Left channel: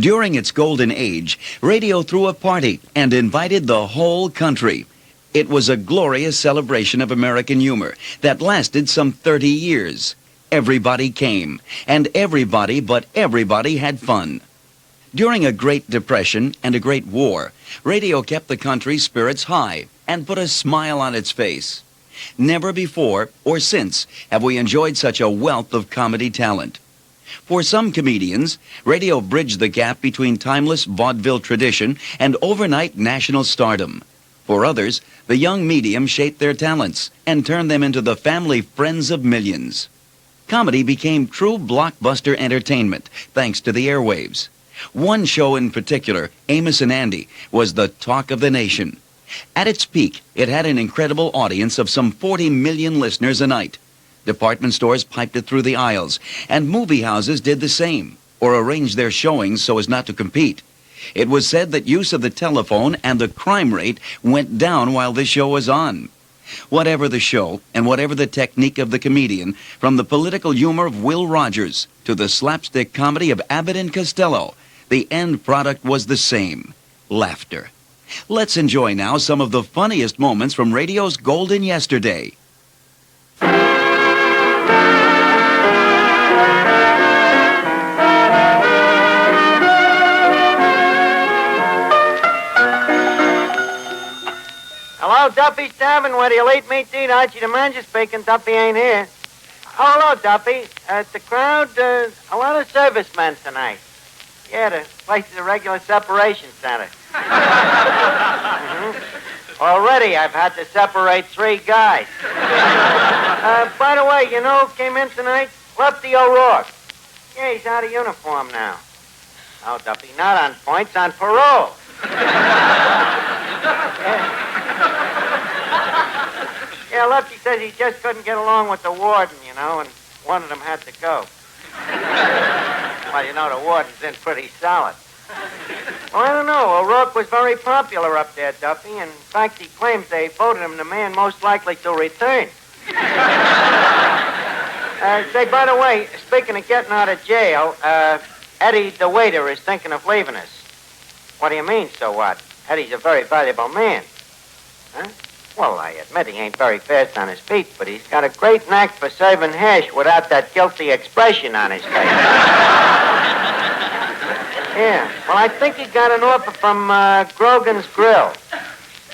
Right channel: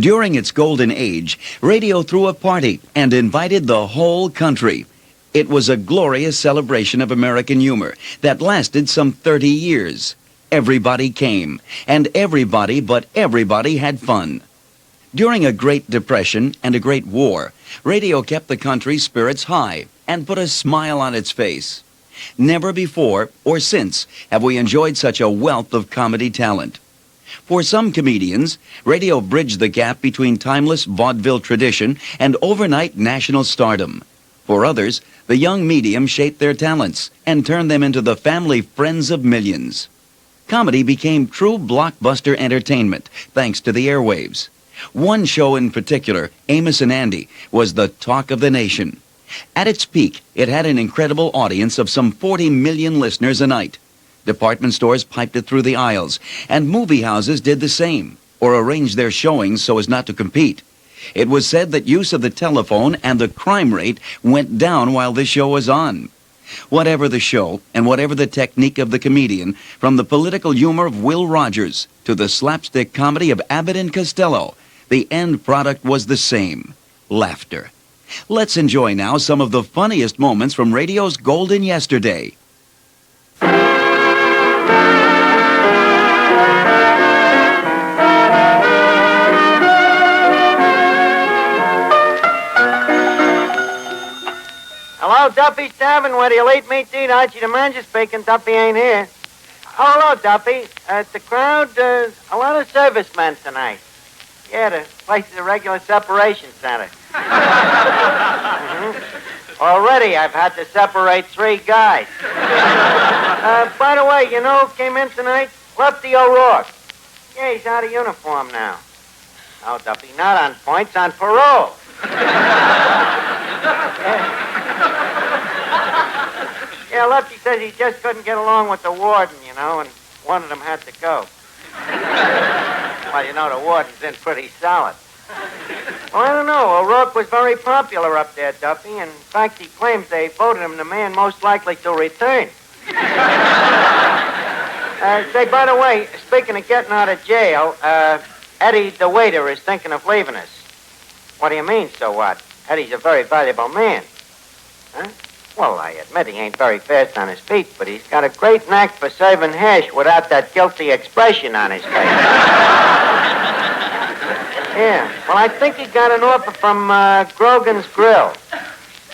During its golden age, radio threw a party and invited the whole country. It was a glorious celebration of American humor that lasted some 30 years. Everybody came, and everybody but everybody had fun. During a Great Depression and a Great War, radio kept the country's spirits high and put a smile on its face. Never before or since have we enjoyed such a wealth of comedy talent. For some comedians, radio bridged the gap between timeless vaudeville tradition and overnight national stardom. For others, the young medium shaped their talents and turned them into the family friends of millions. Comedy became true blockbuster entertainment thanks to the airwaves. One show in particular, Amos and Andy, was the talk of the nation. At its peak, it had an incredible audience of some 40 million listeners a night. Department stores piped it through the aisles, and movie houses did the same, or arranged their showings so as not to compete. It was said that use of the telephone and the crime rate went down while the show was on. Whatever the show, and whatever the technique of the comedian, from the political humor of Will Rogers to the slapstick comedy of Abbott and Costello, the end product was the same: laughter. Let's enjoy now some of the funniest moments from radio's golden yesterday. Hello, Duffy's Tavern. Where do you lead me to eat? Archie the manager speaking. Duffy ain't here. Oh, hello, Duffy. The crowd, a lot of servicemen tonight. Yeah, the place is a regular separation center. Already I've had to separate 3 guys. By the way, you know who came in tonight? Lefty O'Rourke. Yeah, he's out of uniform now. Oh, Duffy, not on points, on parole. Yeah, Lefty says he just couldn't get along with the warden, you know, and one of them had to go. Well, you know, the warden's in pretty solid. Well, I don't know. O'Rourke was very popular up there, Duffy. In fact, he claims they voted him the man most likely to return. Say, by the way, speaking of getting out of jail, Eddie, the waiter, is thinking of leaving us. What do you mean, so what? Eddie's a very valuable man. Huh? Well, I admit he ain't very fast on his feet, but he's got a great knack for serving hash without that guilty expression on his face. Yeah, well, I think he got an offer from Grogan's Grill.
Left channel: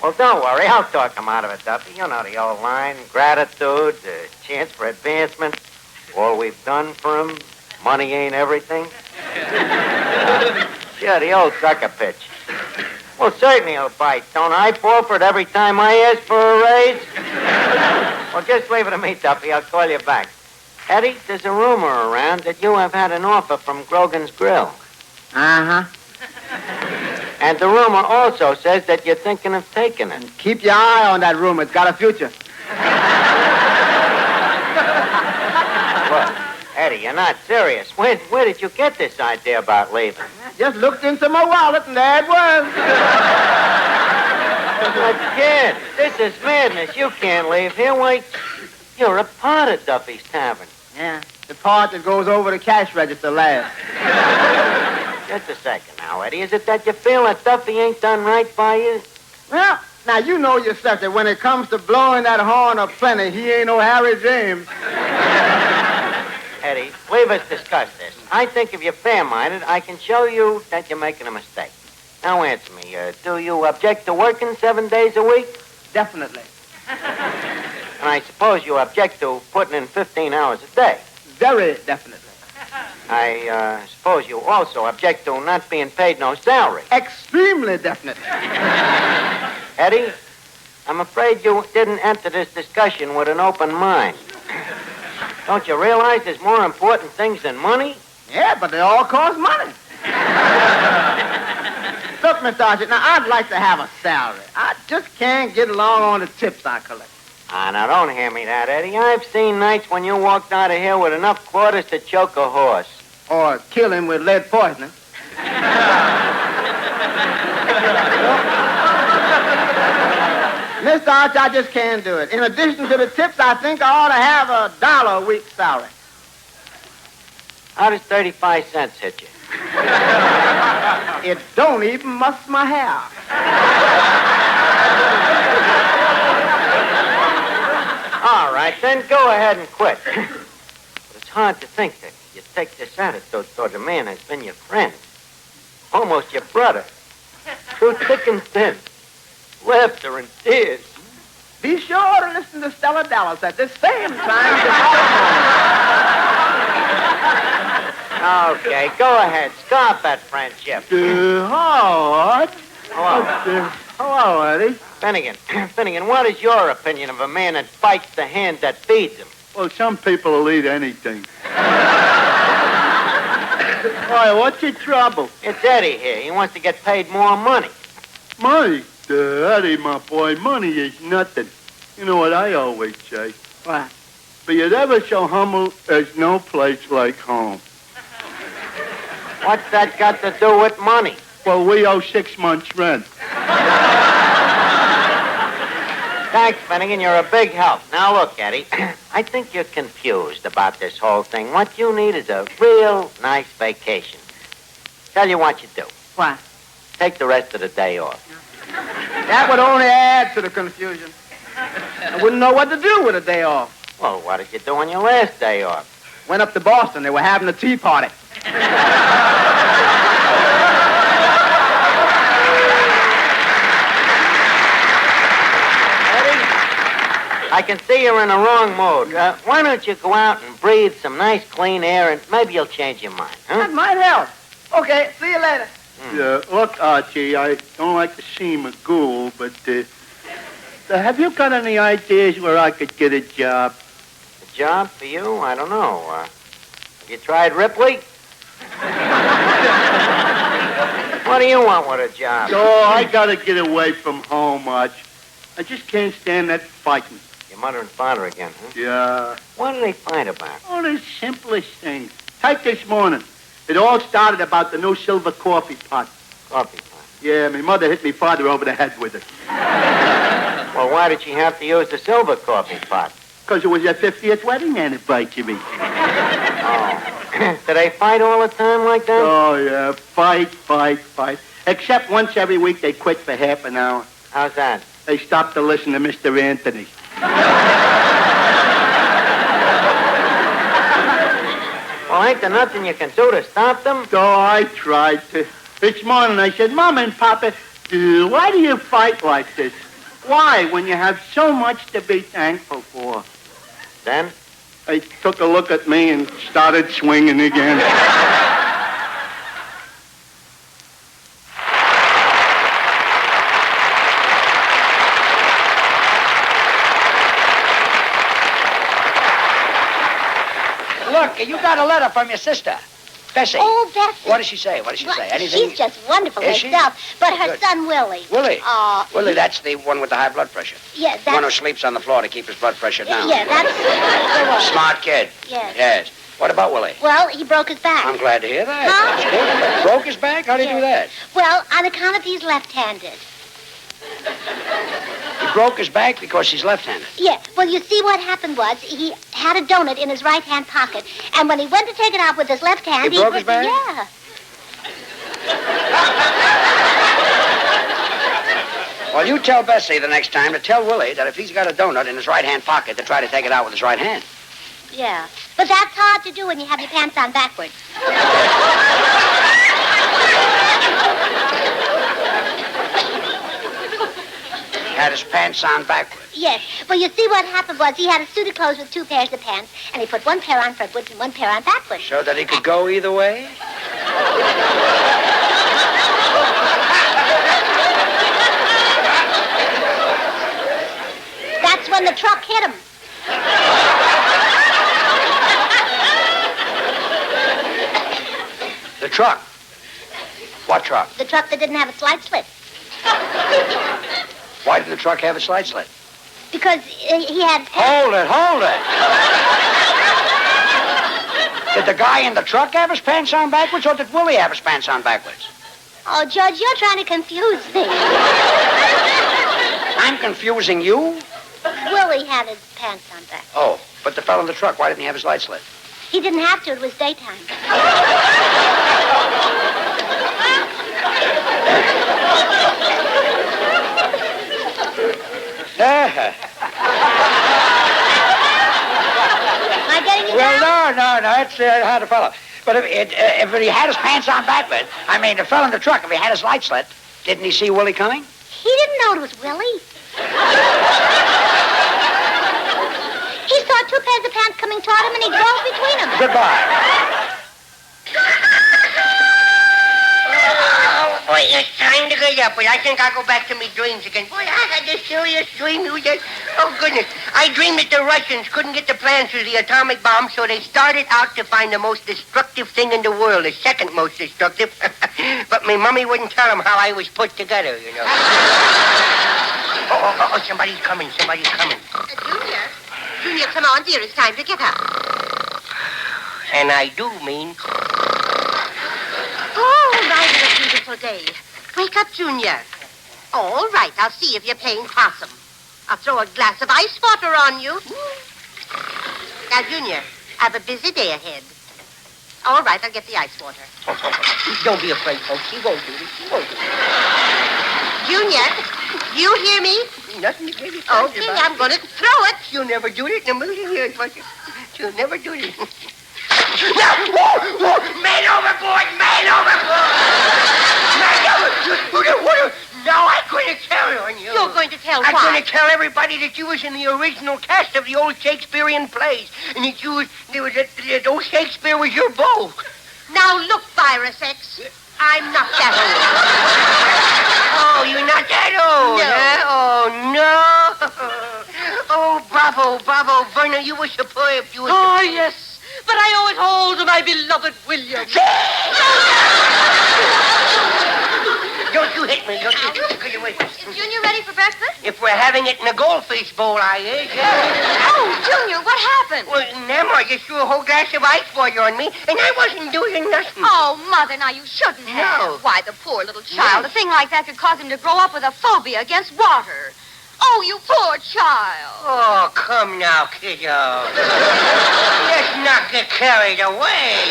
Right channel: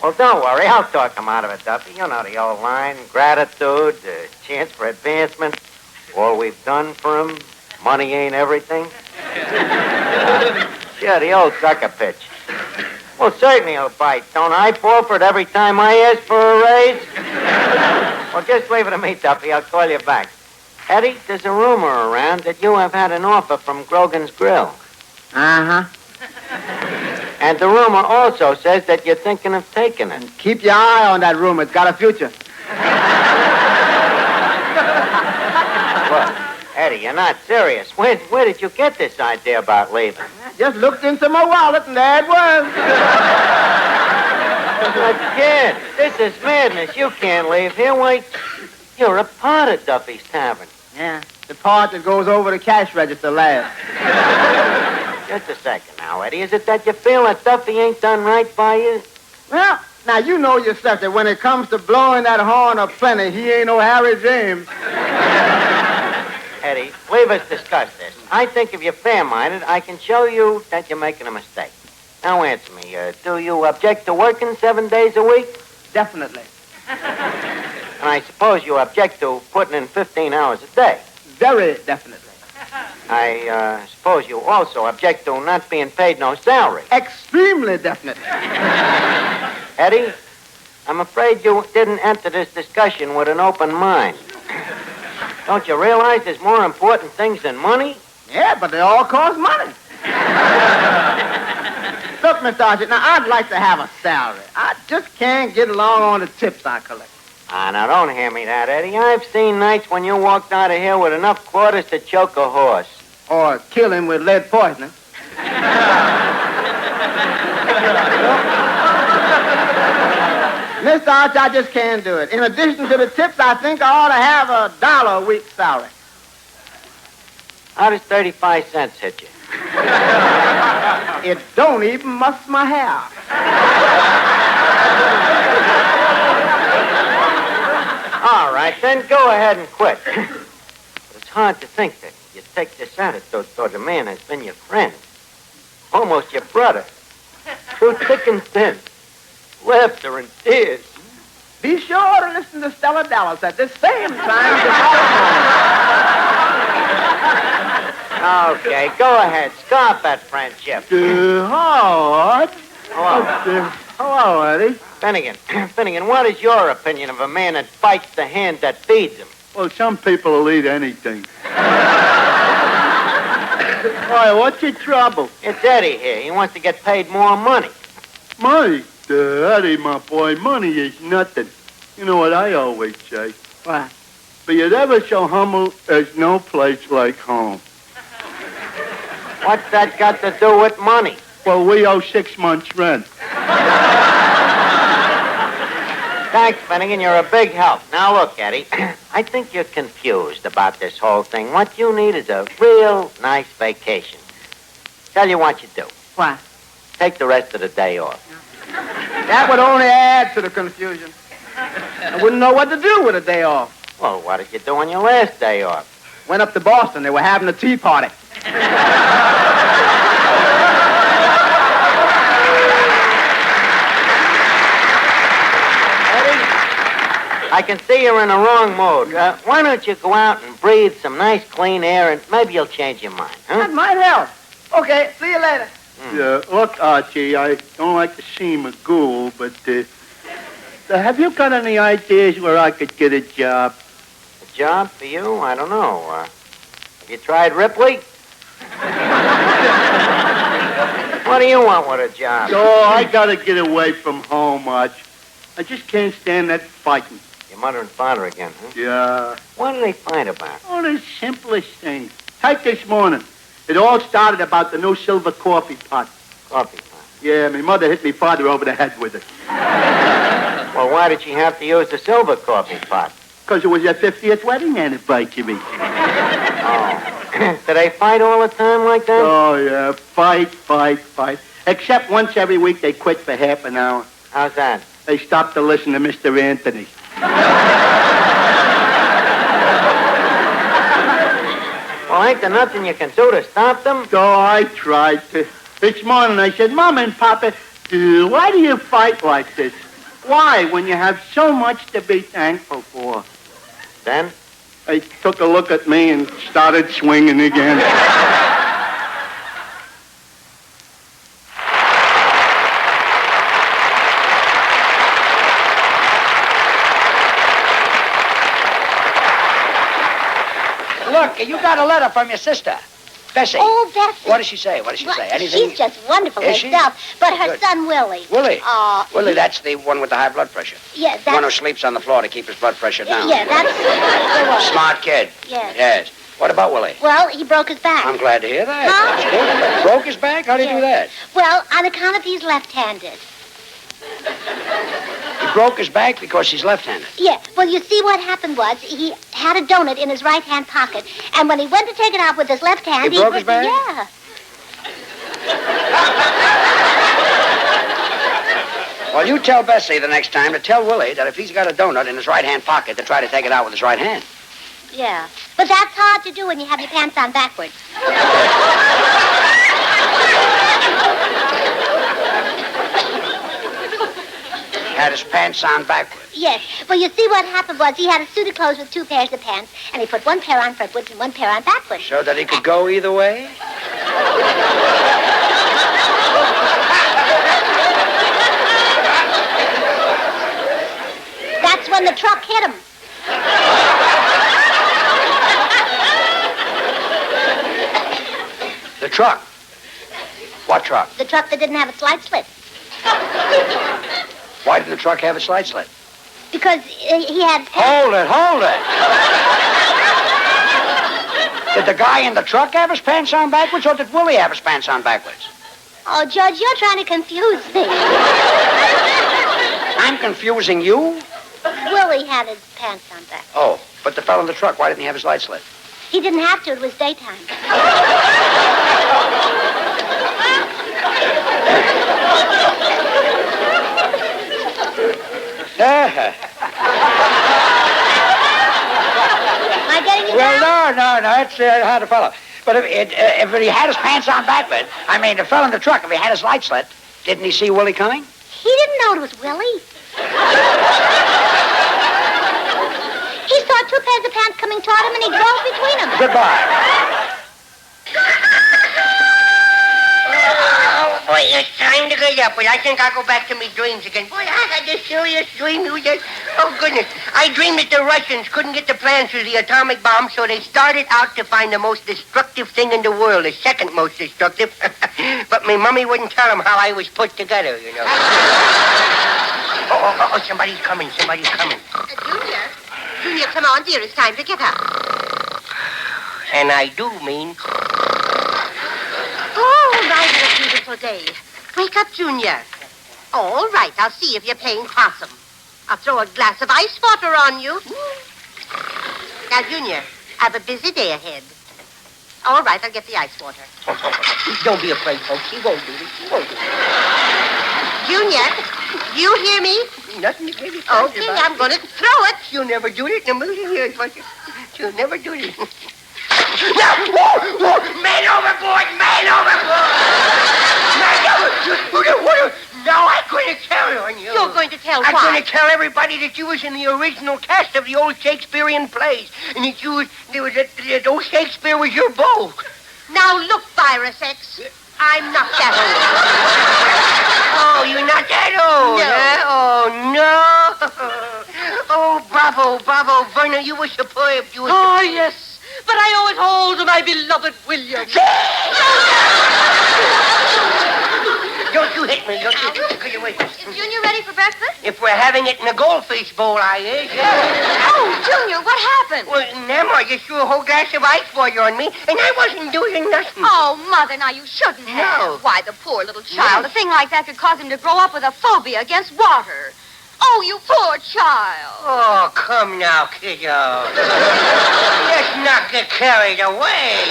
Well, don't worry, I'll talk him out of it, Duffy. You know the old line: gratitude, chance for advancement, all we've done for him, money ain't everything. Yeah, the old sucker pitch. Well, certainly he'll bite. Don't I fall for it every time I ask for a raise? Well, just leave it to me, Duffy. I'll call you back. Eddie, there's a rumor around that you have had an offer from Grogan's Grill. Uh-huh. And the rumor also says that you're thinking of taking it. Keep your eye on that rumor. It's got a future. Look, Eddie, you're not serious. Where did you get this idea about leaving? Just looked into my wallet, and there it was. But, kid, this is madness. You can't leave here. Wait, you're a part of Duffy's Tavern. Yeah, the part that goes over the cash register last. Just a second now, Eddie. Is it that you feel that Duffy ain't done right by you? Well, now you know yourself that when it comes to blowing that horn of plenty, he ain't no Harry James. Eddie, leave us discuss this. I think if you're fair-minded, I can show you that you're making a mistake. Now answer me. Do you object to working 7 days a week? Definitely. And I suppose you object to putting in 15 hours a day. Very definitely. I suppose you also object to not being paid no salary. Extremely definitely. Eddie, I'm afraid you didn't enter this discussion with an open mind. Don't you realize there's more important things than money? Yeah, but they all cost money. Look, Mr. Archie, now I'd like to have a salary. I just can't get along on the tips I collect. Now don't hear me that, Eddie. I've seen nights when you walked out of here with enough quarters to choke a horse. Or kill him with lead poisoning. Mr. Archie, I just can't do it. In addition to the tips, I think I ought to have $1 a week salary. How does 35 cents hit you? it don't even muss my hair. All right, then go ahead and quit. But it's hard to think that you take this attitude towards a man who's been your friend. Almost your brother. Through thick and thin. Laughter and tears. Be sure to listen to Stella Dallas at the same time. Okay, go ahead. Scarf that friendship. Howard. Hello. Hello, Eddie. Finnegan, what is your opinion of a man that bites the hand that feeds him? Well, some people will eat anything. Why, what's your trouble? It's Eddie here. He wants to get paid more money. Money? Eddie, my boy, money is nothing. You know what I always say? What? Be it ever so humble, there's no place like home. What's that got to do with money? Well, we owe 6 months' rent. Thanks, Finnegan. You're a big help. Now, look, Eddie. I think you're confused about this whole thing. What you need is a real nice vacation. Tell you what you do. What? Take the rest of the day off. That would only add to the confusion. I wouldn't know what to do with a day off. Well, what did you do on your last day off? Went up to Boston. They were having a tea party. I can see you're in the wrong mood. Why don't you go out and breathe some nice, clean air, and maybe you'll change your mind, huh? That might help. Okay, see you later. Yeah, look, Archie, I don't like to seem a ghoul, but have you got any ideas where I could get a job? A job for you? I don't know. Have you tried Ripley? What do you want with a job? Oh, I gotta get away from home, Arch. I just can't stand that fighting. Your mother and father again, huh? Yeah. What do they fight about? Oh, the simplest thing. Take this morning. It all started about the new silver coffee pot. Coffee pot. Yeah, my mother hit me father over the head with it. Well, why did she have to use the silver coffee pot? Because it was their 50th wedding anniversary. Oh. Do they fight all the time like that? Oh, yeah. Fight. Except once every week they quit for half an hour. How's that? They stopped to listen to Mr. Anthony. Well, ain't there nothing you can do to stop them? So I tried to. This morning I said, Mama and Papa, why do you fight like this? Why, when you have so much to be thankful for? Then? They took a look at me and started swinging again. Look, you got a letter from your sister, Bessie. Oh, Bessie. What does she say? Anything? She's just wonderful Is she? herself. But her Good. son, Willie. Willie? Oh. Willie, that's the one with the high blood pressure. Yes, The one who that's... sleeps on the floor to keep his blood pressure down. Yeah, that's the one. Smart kid. Yes. What about Willie? Well, he broke his back. I'm glad to hear that. Huh? That's good. Broke his back? How'd he do that? Well, on account of he's left-handed. He broke his back because he's left-handed. Yeah. Well, you see, what happened was he had a donut in his right-hand pocket, and when he went to take it out with his left hand, He broke his back? Yeah. Well, you tell Bessie the next time to tell Willie that if he's got a donut in his right-hand pocket, to try to take it out with his right hand. Yeah. But that's hard to do when you have your pants on backwards. Had his pants on backwards. Yes. Well, you see, what happened was he had a suit of clothes with two pairs of pants, and he put one pair on frontwards and one pair on backwards. So that he could go either way? That's when the truck hit him. The truck. What truck? The truck that didn't have a slide slit. Why didn't the truck have a slide slit? Because he had... Hold it. Did the guy in the truck have his pants on backwards, or did Willie have his pants on backwards? Oh, Judge, you're trying to confuse me. I'm confusing you? Willie had his pants on backwards. Oh, but the fellow in the truck, why didn't he have his light slit? He didn't have to. It was daytime. Am I getting you Well, down? no, it's hard to follow. But if he had his pants on backward, I mean, the fellow in the truck, if he had his lights lit, didn't he see Willie coming? He didn't know it was Willie. He saw two pairs of pants coming toward him, and he drove between them. Goodbye. Oh, boy, it's time to get up. But I think I'll go back to my dreams again. Boy, I had this serious dream. Oh, goodness. I dreamed that the Russians couldn't get the plans for the atomic bomb, so they started out to find the most destructive thing in the world, the second most destructive. But my mummy wouldn't tell them how I was put together, you know. Oh, somebody's coming. Junior, come on, dear. It's time to get up. And I do mean... Oh, right, what a beautiful day. Wake up, Junior. All right, I'll see if you're playing possum. I'll throw a glass of ice water on you. Now, Junior, I have a busy day ahead. All right, I'll get the ice water. Don't be afraid, folks. She won't do it. Junior, you hear me? Nothing to give you. Okay, I'm going to throw it. You'll never do it in a million years, won't you? You'll never do it. Man overboard! No, I'm going to tell on you. You're going to tell I'm what? going to tell everybody that you was in the original cast of the old Shakespearean plays. And that that old Shakespeare was your beau. Now, look, Virus X. I'm not that Oh, you're not that old, No. huh? Oh, no. Oh, bravo, Verna, you were superb. You were Oh, yes. But I owe it all to my beloved William. Don't you hit me. Don't you wait. Is Junior ready for breakfast? If we're having it in a goldfish bowl, I is. Oh, Junior, what happened? Well, Nemo just threw a whole glass of ice water on me, and I wasn't doing nothing. Oh, Mother, now you shouldn't have. No. Why, the poor little child. A thing like that could cause him to grow up with a phobia against water. Oh, you poor child. Oh, come now, kiddo. Let's not get carried away.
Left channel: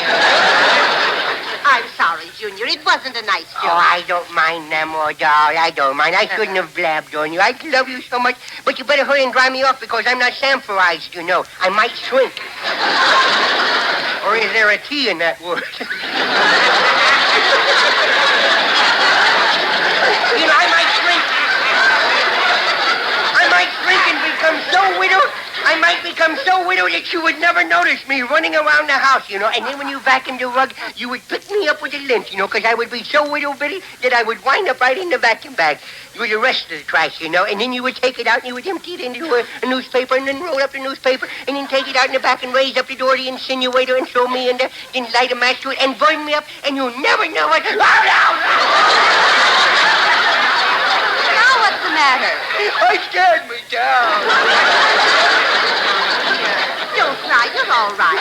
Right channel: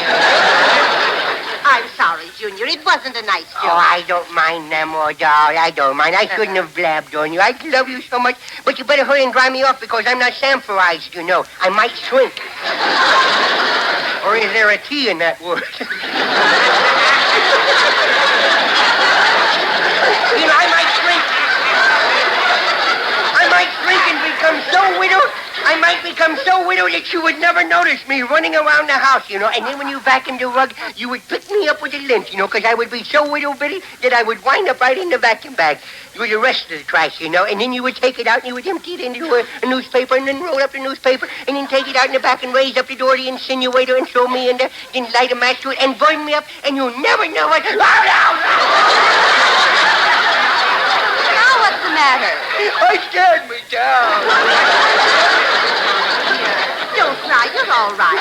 I'm sorry, Junior. It wasn't a nice joke. Oh, I don't mind, Nemo, doll. I don't mind. I shouldn't have blabbed on you. I love you so much. But you better hurry and dry me off because I'm not samphorized, you know. I might shrink. Or is there a T in that word? You know, I might shrink and become so widowed. I might become so widowed that you would never notice me running around the house, you know. And then when you vacuumed the rug, you would pick me up with a lint, you know, because I would be so widow-bitty that I would wind up right in the vacuum bag with the rest of the trash, you know. And then you would take it out and you would empty it into a newspaper and then roll up the newspaper and then take it out in the back and raise up the door of the insinuator and throw me in there, then light a match to it and burn me up, and you'll never know it. Now what's the matter? I scared me down. Don't cry. You're all right.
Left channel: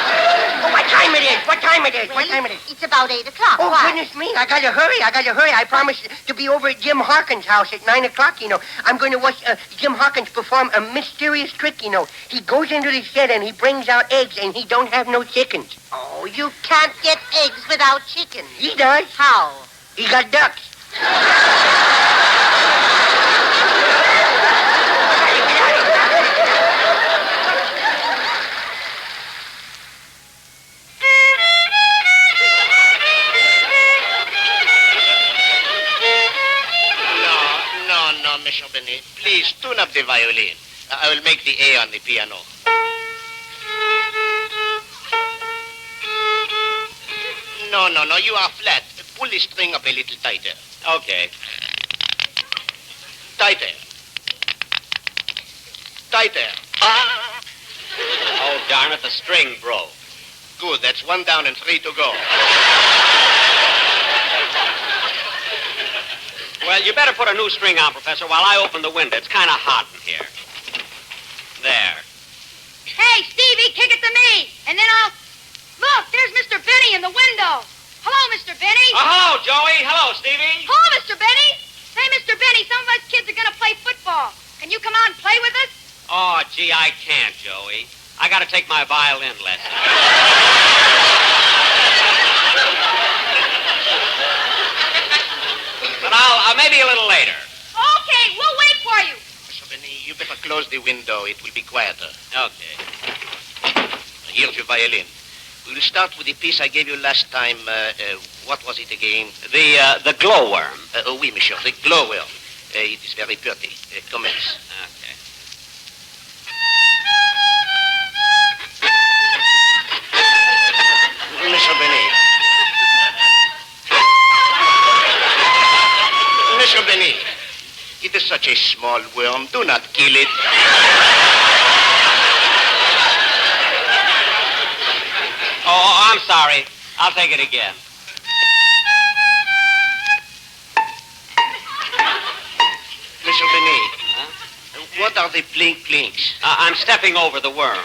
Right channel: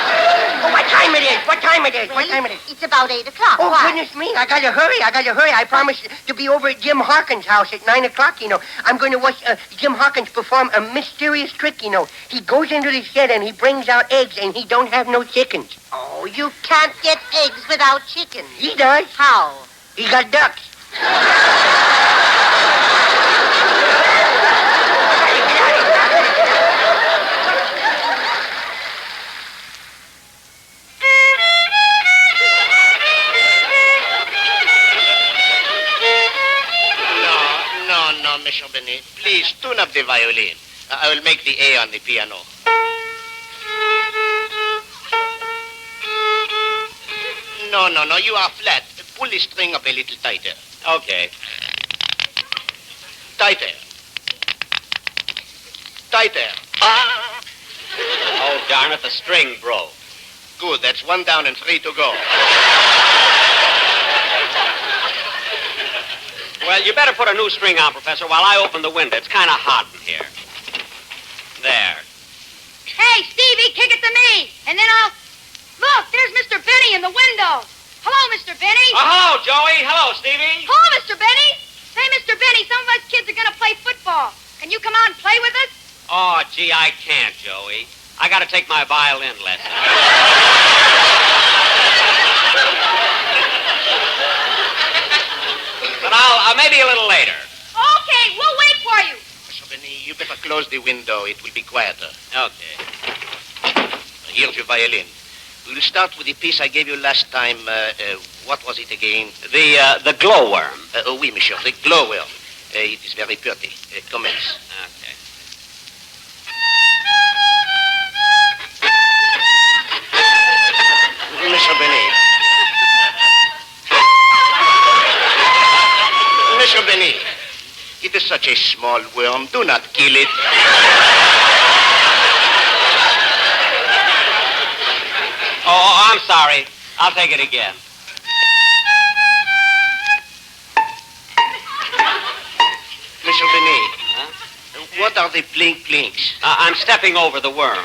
Oh, what time it is? What time it is? It's about 8 o'clock. Oh, Why? goodness me. I gotta hurry. I promised to be over at Jim Harkins' house at 9 o'clock, you know. I'm going to watch Jim Harkins perform a mysterious trick, you know. He goes into the shed and he brings out eggs and he don't have no chickens. Oh, you can't get eggs without chicken. He does. How? He got ducks. No, Mr. Benny. Please tune up the violin. I will make the A on the piano. No, you are flat. Pull the string up a little tighter. Okay. Tighter. Ah! Oh, darn it, the string broke. Good, that's 1 down and 3 to go. Well, you better put a new string on, Professor, while I open the window. It's kind of hot in here. There. Hey, Stevie, kick it to me. And then I'll... Look, there's Mr. Benny in the window. Hello, Mr. Benny. Oh, hello, Joey. Hello, Stevie. Hello, Mr. Benny. Hey, Mr. Benny, some of us kids are going to play football. Can you come out and play with us? Oh, gee, I can't, Joey. I got to take my violin lesson. But I'll maybe a little later. Okay, we'll wait for you. Mr. Benny, you you better close the window. It will be quieter. Okay. Here's your violin. We'll start with the piece I gave you last time. What was it again? The glowworm. Oui, monsieur, the glowworm. It is very pretty. Commence. Okay. Monsieur Benny. Monsieur Benny, it is such a small worm. Do not kill it. Oh, I'm sorry. I'll take it again. Monsieur Benny, what are the plink-plinks? I'm stepping over the worm.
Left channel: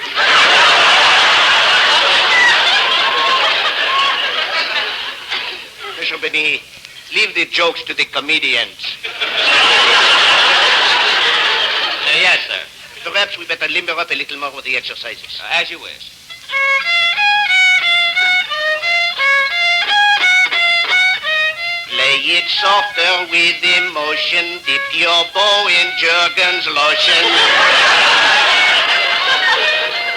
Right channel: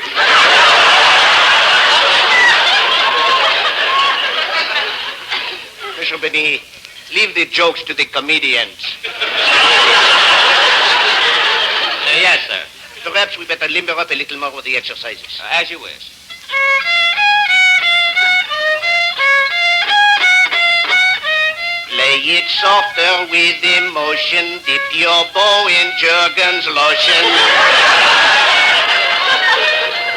Monsieur Benny, leave the jokes to the comedians. Yes, sir. Perhaps we better limber up a little more with the exercises. As you wish. Play it softer with emotion. Dip your bow in Jergens lotion.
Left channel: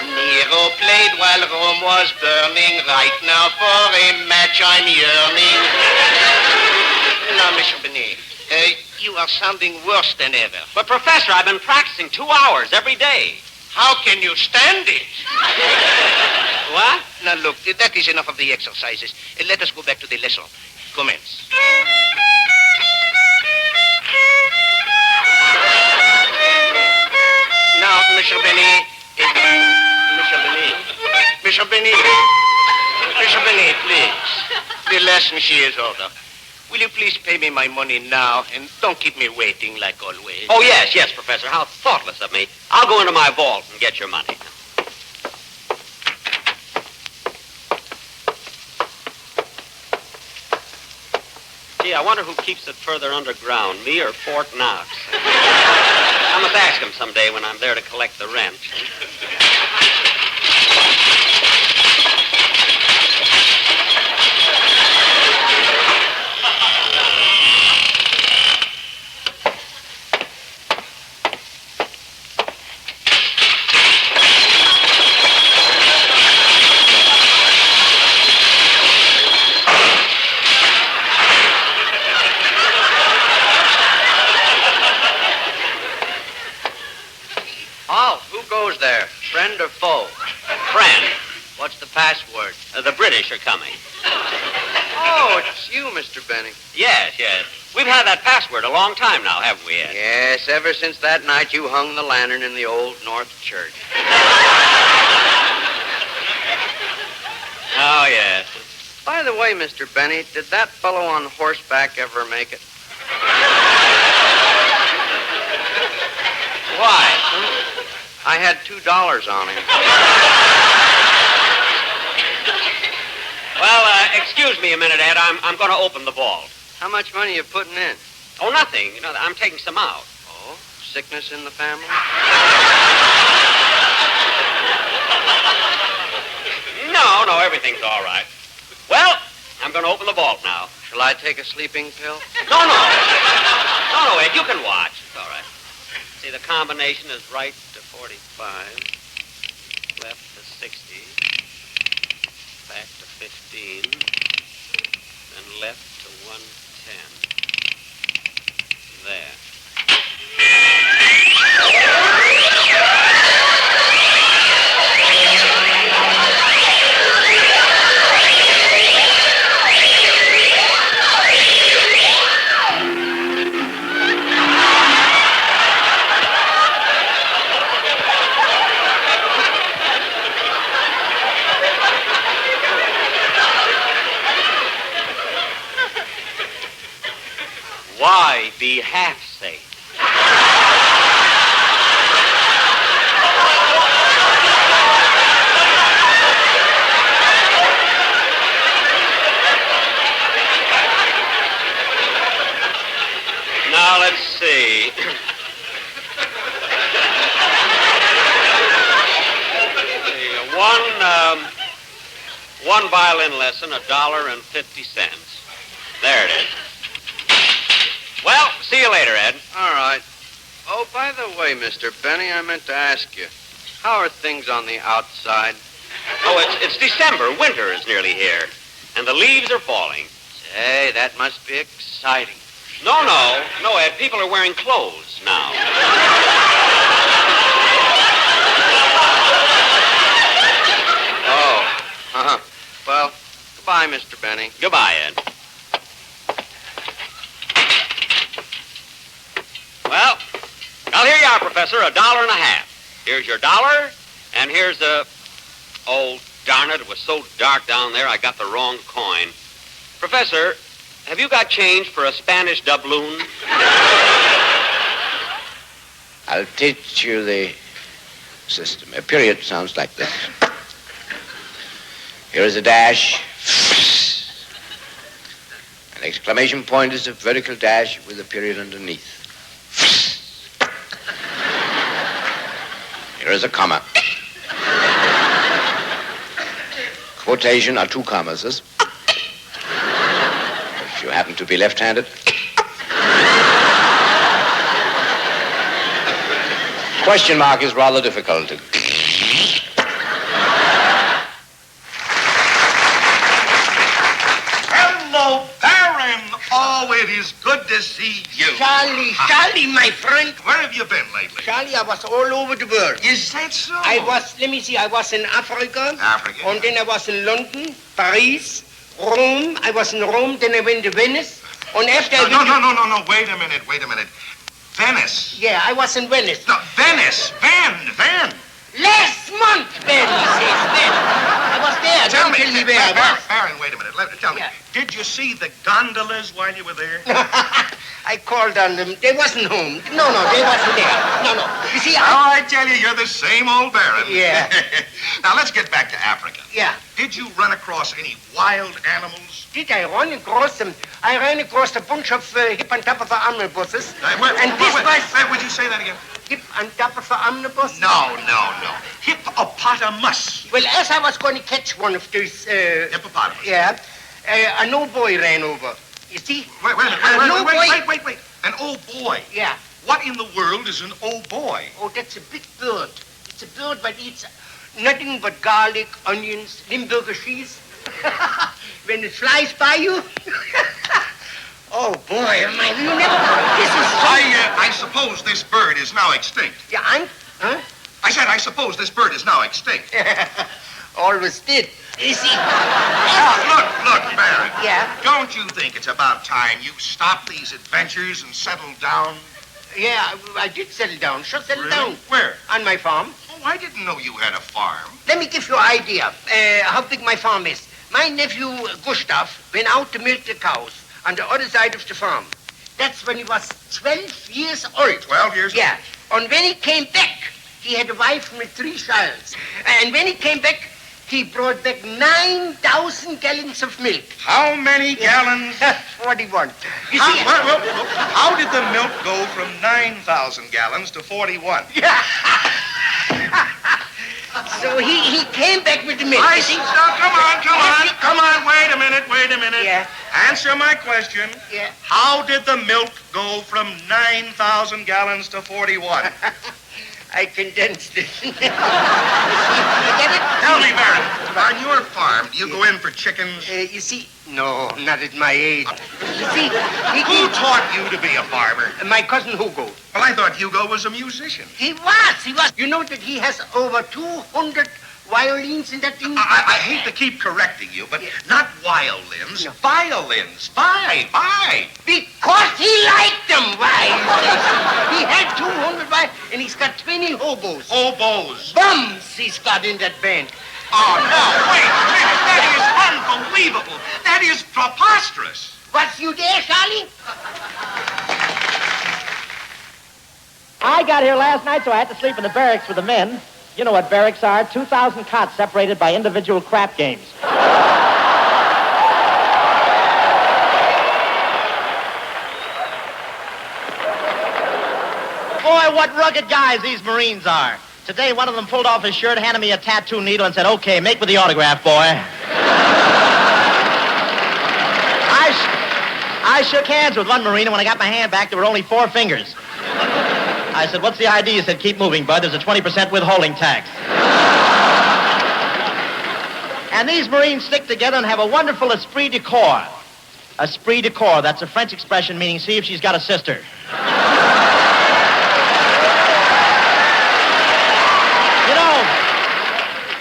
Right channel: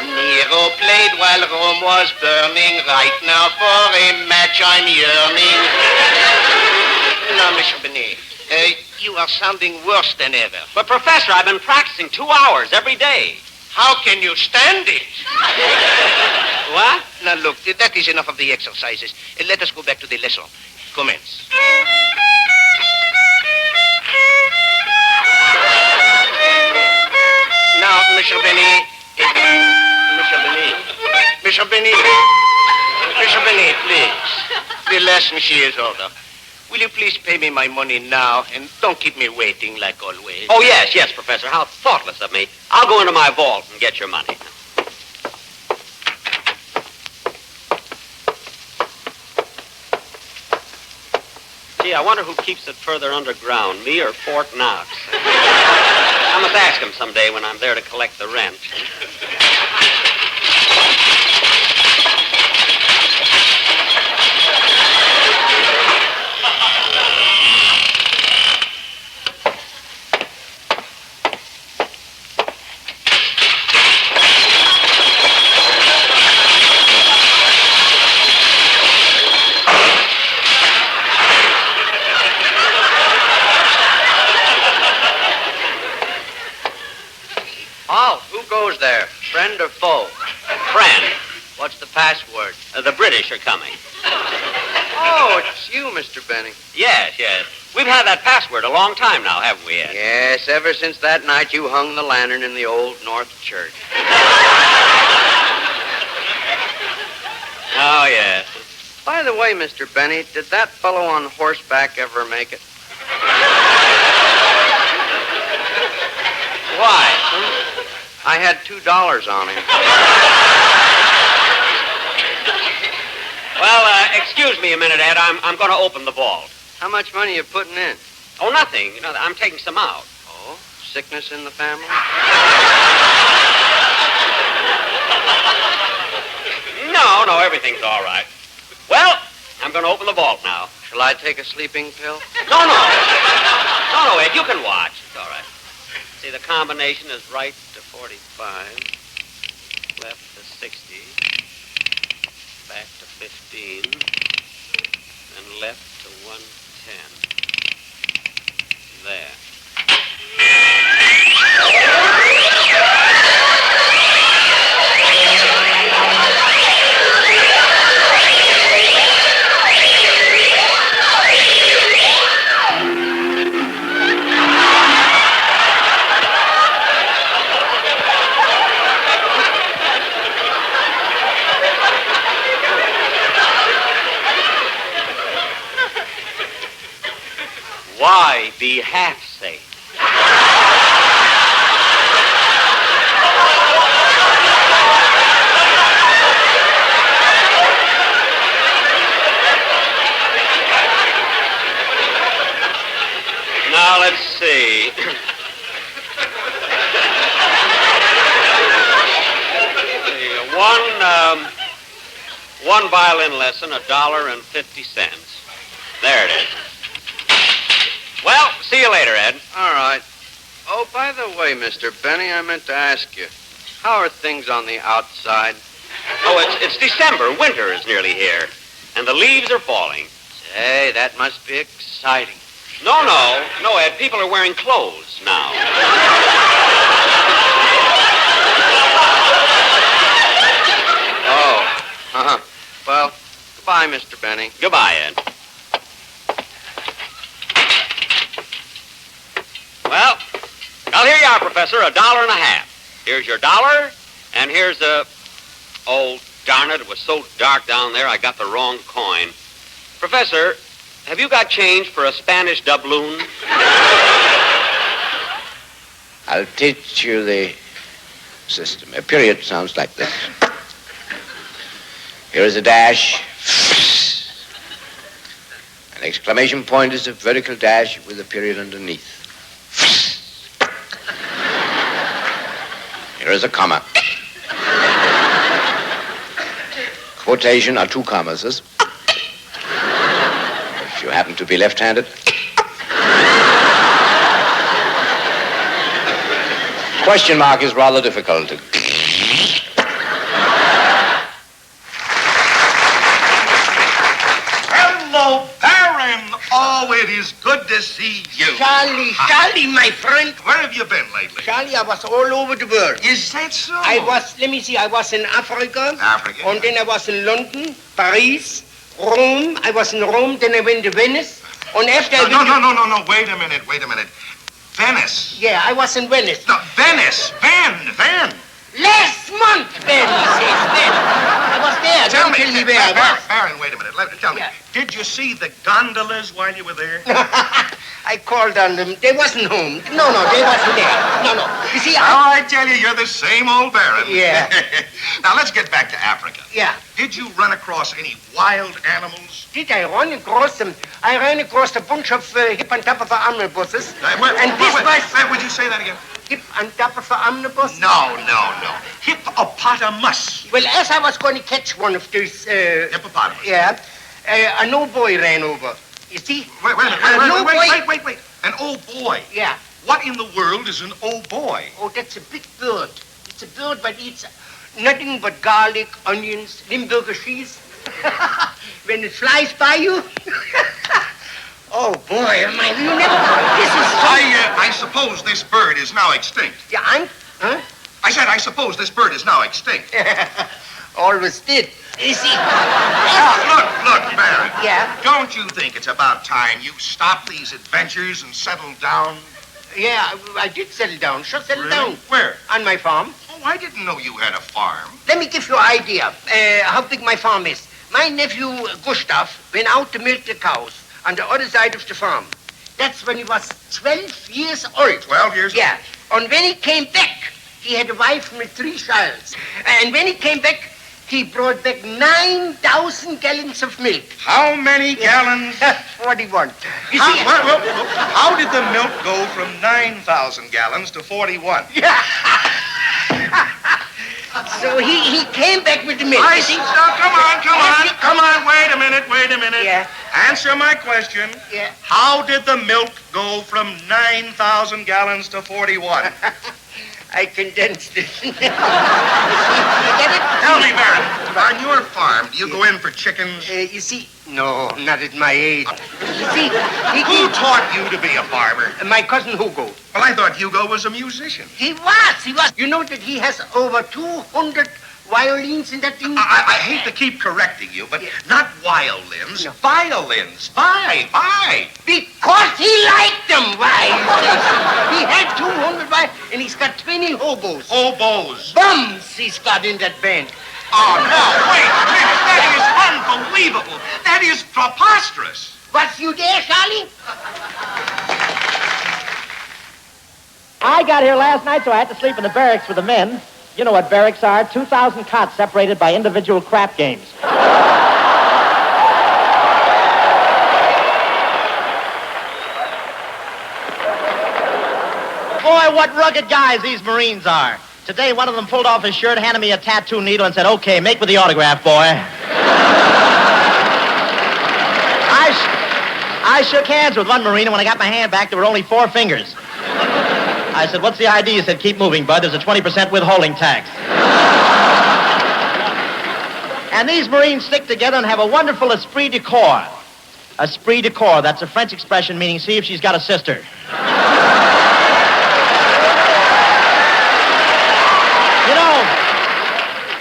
Nero played while Rome was burning. Right now for a match I'm yearning. Now, Monsieur Benet, you are sounding worse than ever. But, Professor, I've been practicing 2 hours every day. How can you stand it? What? Now, look, that is enough of the exercises. Let us go back to the lesson. Commence. Now, Monsieur Benet. Monsieur Benet, please. The lesson she is over. Will you please pay me my money now and don't keep me waiting like always? Oh, yes, Professor. How thoughtless of me. I'll go into my vault and get your money. Gee, I wonder who keeps it further underground, me or Fort Knox. I must ask him someday when I'm there to collect the rent. Who's there? Friend or foe? Friend. What's the password? The British are coming. Oh, it's you, Mr. Benny. Yes. We've had that password a long time now, haven't we, Ed? Yes, ever since that night you hung the lantern in the old North Church. Oh, yes. By the way, Mr. Benny, did that fellow on horseback ever make it? Why? I had $2 on him. Well, excuse me a minute, Ed. I'm going to open the vault. How much money are you putting in? Oh, nothing. You know, I'm taking some out. Oh, sickness in the family? No, everything's all right. Well, I'm going to open the vault now. Shall I take a sleeping pill? No, Ed, you can watch. It's all right. See, the combination is right to 45, left to 60, back to 15, and left to 110. There. Why be half safe? Now, let's see. One violin lesson, $1.50. There it is. Well, see you later, Ed. All right. Oh, by the way, Mr. Benny, I meant to ask you, how are things on the outside? Oh, it's December. Winter is nearly here, and the leaves are falling. Hey, that must be exciting. No, Ed, people are wearing clothes now. Oh, uh-huh. Well, goodbye, Mr. Benny. Goodbye, Ed. Well, here you are, Professor, $1.50. Here's your dollar, and here's a... Oh, darn it, it was so dark down there, I got the wrong coin. Professor, have you got change for a Spanish doubloon? I'll teach you the system. A period sounds like this. Here is a dash. An exclamation point is a vertical dash with a period underneath. Here is a comma. Quotation are two commas. If you happen to be left-handed. Question mark is rather difficult. Hello, Baron. Oh, it is good to see you. Charlie, my friend. Where have you been lately? Charlie, I was all over the world. Is that so? I was in Africa. Africa. And then I was in London, Paris, Rome. I was in Rome, then I went to Venice. And after No, wait a minute. Venice. Yeah, I was in Venice. No, Venice. Van. Last month, Venice. I was there. Tell Don't me, tell me where I was. Baron, wait a minute. Tell me, Yeah. did you see the gondolas while you were there? I called on them. They wasn't home. No, they wasn't there. No. You see, I tell you, you're the same old Baron. Yeah. Now, let's get back to Africa. Yeah. Did you run across any wild animals? Did I run across them? I ran across a bunch of hip-on-top-of-the omnibuses. Wait, would you say that again? Hip-on-top-of-the omnibus? No. Hippopotamus. Well, as I was going to catch one of these... Hippopotamus. Yeah. An old boy ran over. You see? Wait. An old boy? Yeah. What in the world is an old boy? Oh, that's a big bird. It's a bird that eats nothing but garlic, onions, Limburger cheese. When it flies by you... Oh, boy, this is... I suppose this bird is now extinct. Yeah, Huh? I said, I suppose this bird is now extinct. Always did. You see... Look, Baron. Yeah? Don't you think it's about time you stop these adventures and settle down? Yeah, I did settle down. Sure, settle Really? down. Where? On my farm. Oh, I didn't know you had a farm. Let me give you an idea how big my farm is. My nephew, Gustav, went out to milk the cows on the other side of the farm. That's when he was 12 years old. 12 years old? Yeah. And when he came back, he had a wife with 3 children. And when he came back, he brought back 9,000 gallons of milk. How many gallons? 41. You see... How did the milk go from 9,000 gallons to 41? So he came back with the milk. I see. Come on. Wait a minute. Yeah. Answer my question. Yeah. How did the milk go from 9,000 gallons to 41? I condensed it. You get it? Tell me, Baron, on your farm, do you go in for chickens? You see... No, not at my age. You see... Who taught you to be a farmer? My cousin Hugo. Well, I thought Hugo was a musician. He was. You know that he has over 200 violins in that thing? I hate to keep correcting you, but not violins. No. Violins. Why? Because he liked them. Why? He had 200 violins, and he's got 20 hobos. Hobos. Bums he's got in that band. Oh, no, wait. That is unbelievable. That is preposterous. Was you there, Charlie? I got here last night, so I had to sleep in the barracks with the men. You know what barracks are. 2,000 cots separated by individual crap games. Boy, what rugged guys these Marines are. Today, one of them pulled off his shirt, handed me a tattoo needle, and said, "Okay, make with the autograph, boy." I shook hands with one Marine, and when I got my hand back, there were only 4 fingers. I said, what's the ID? He said, keep moving, bud. There's a 20% withholding tax. And these Marines stick together and have a wonderful esprit de corps. Esprit de corps, that's a French expression meaning see if she's got a sister.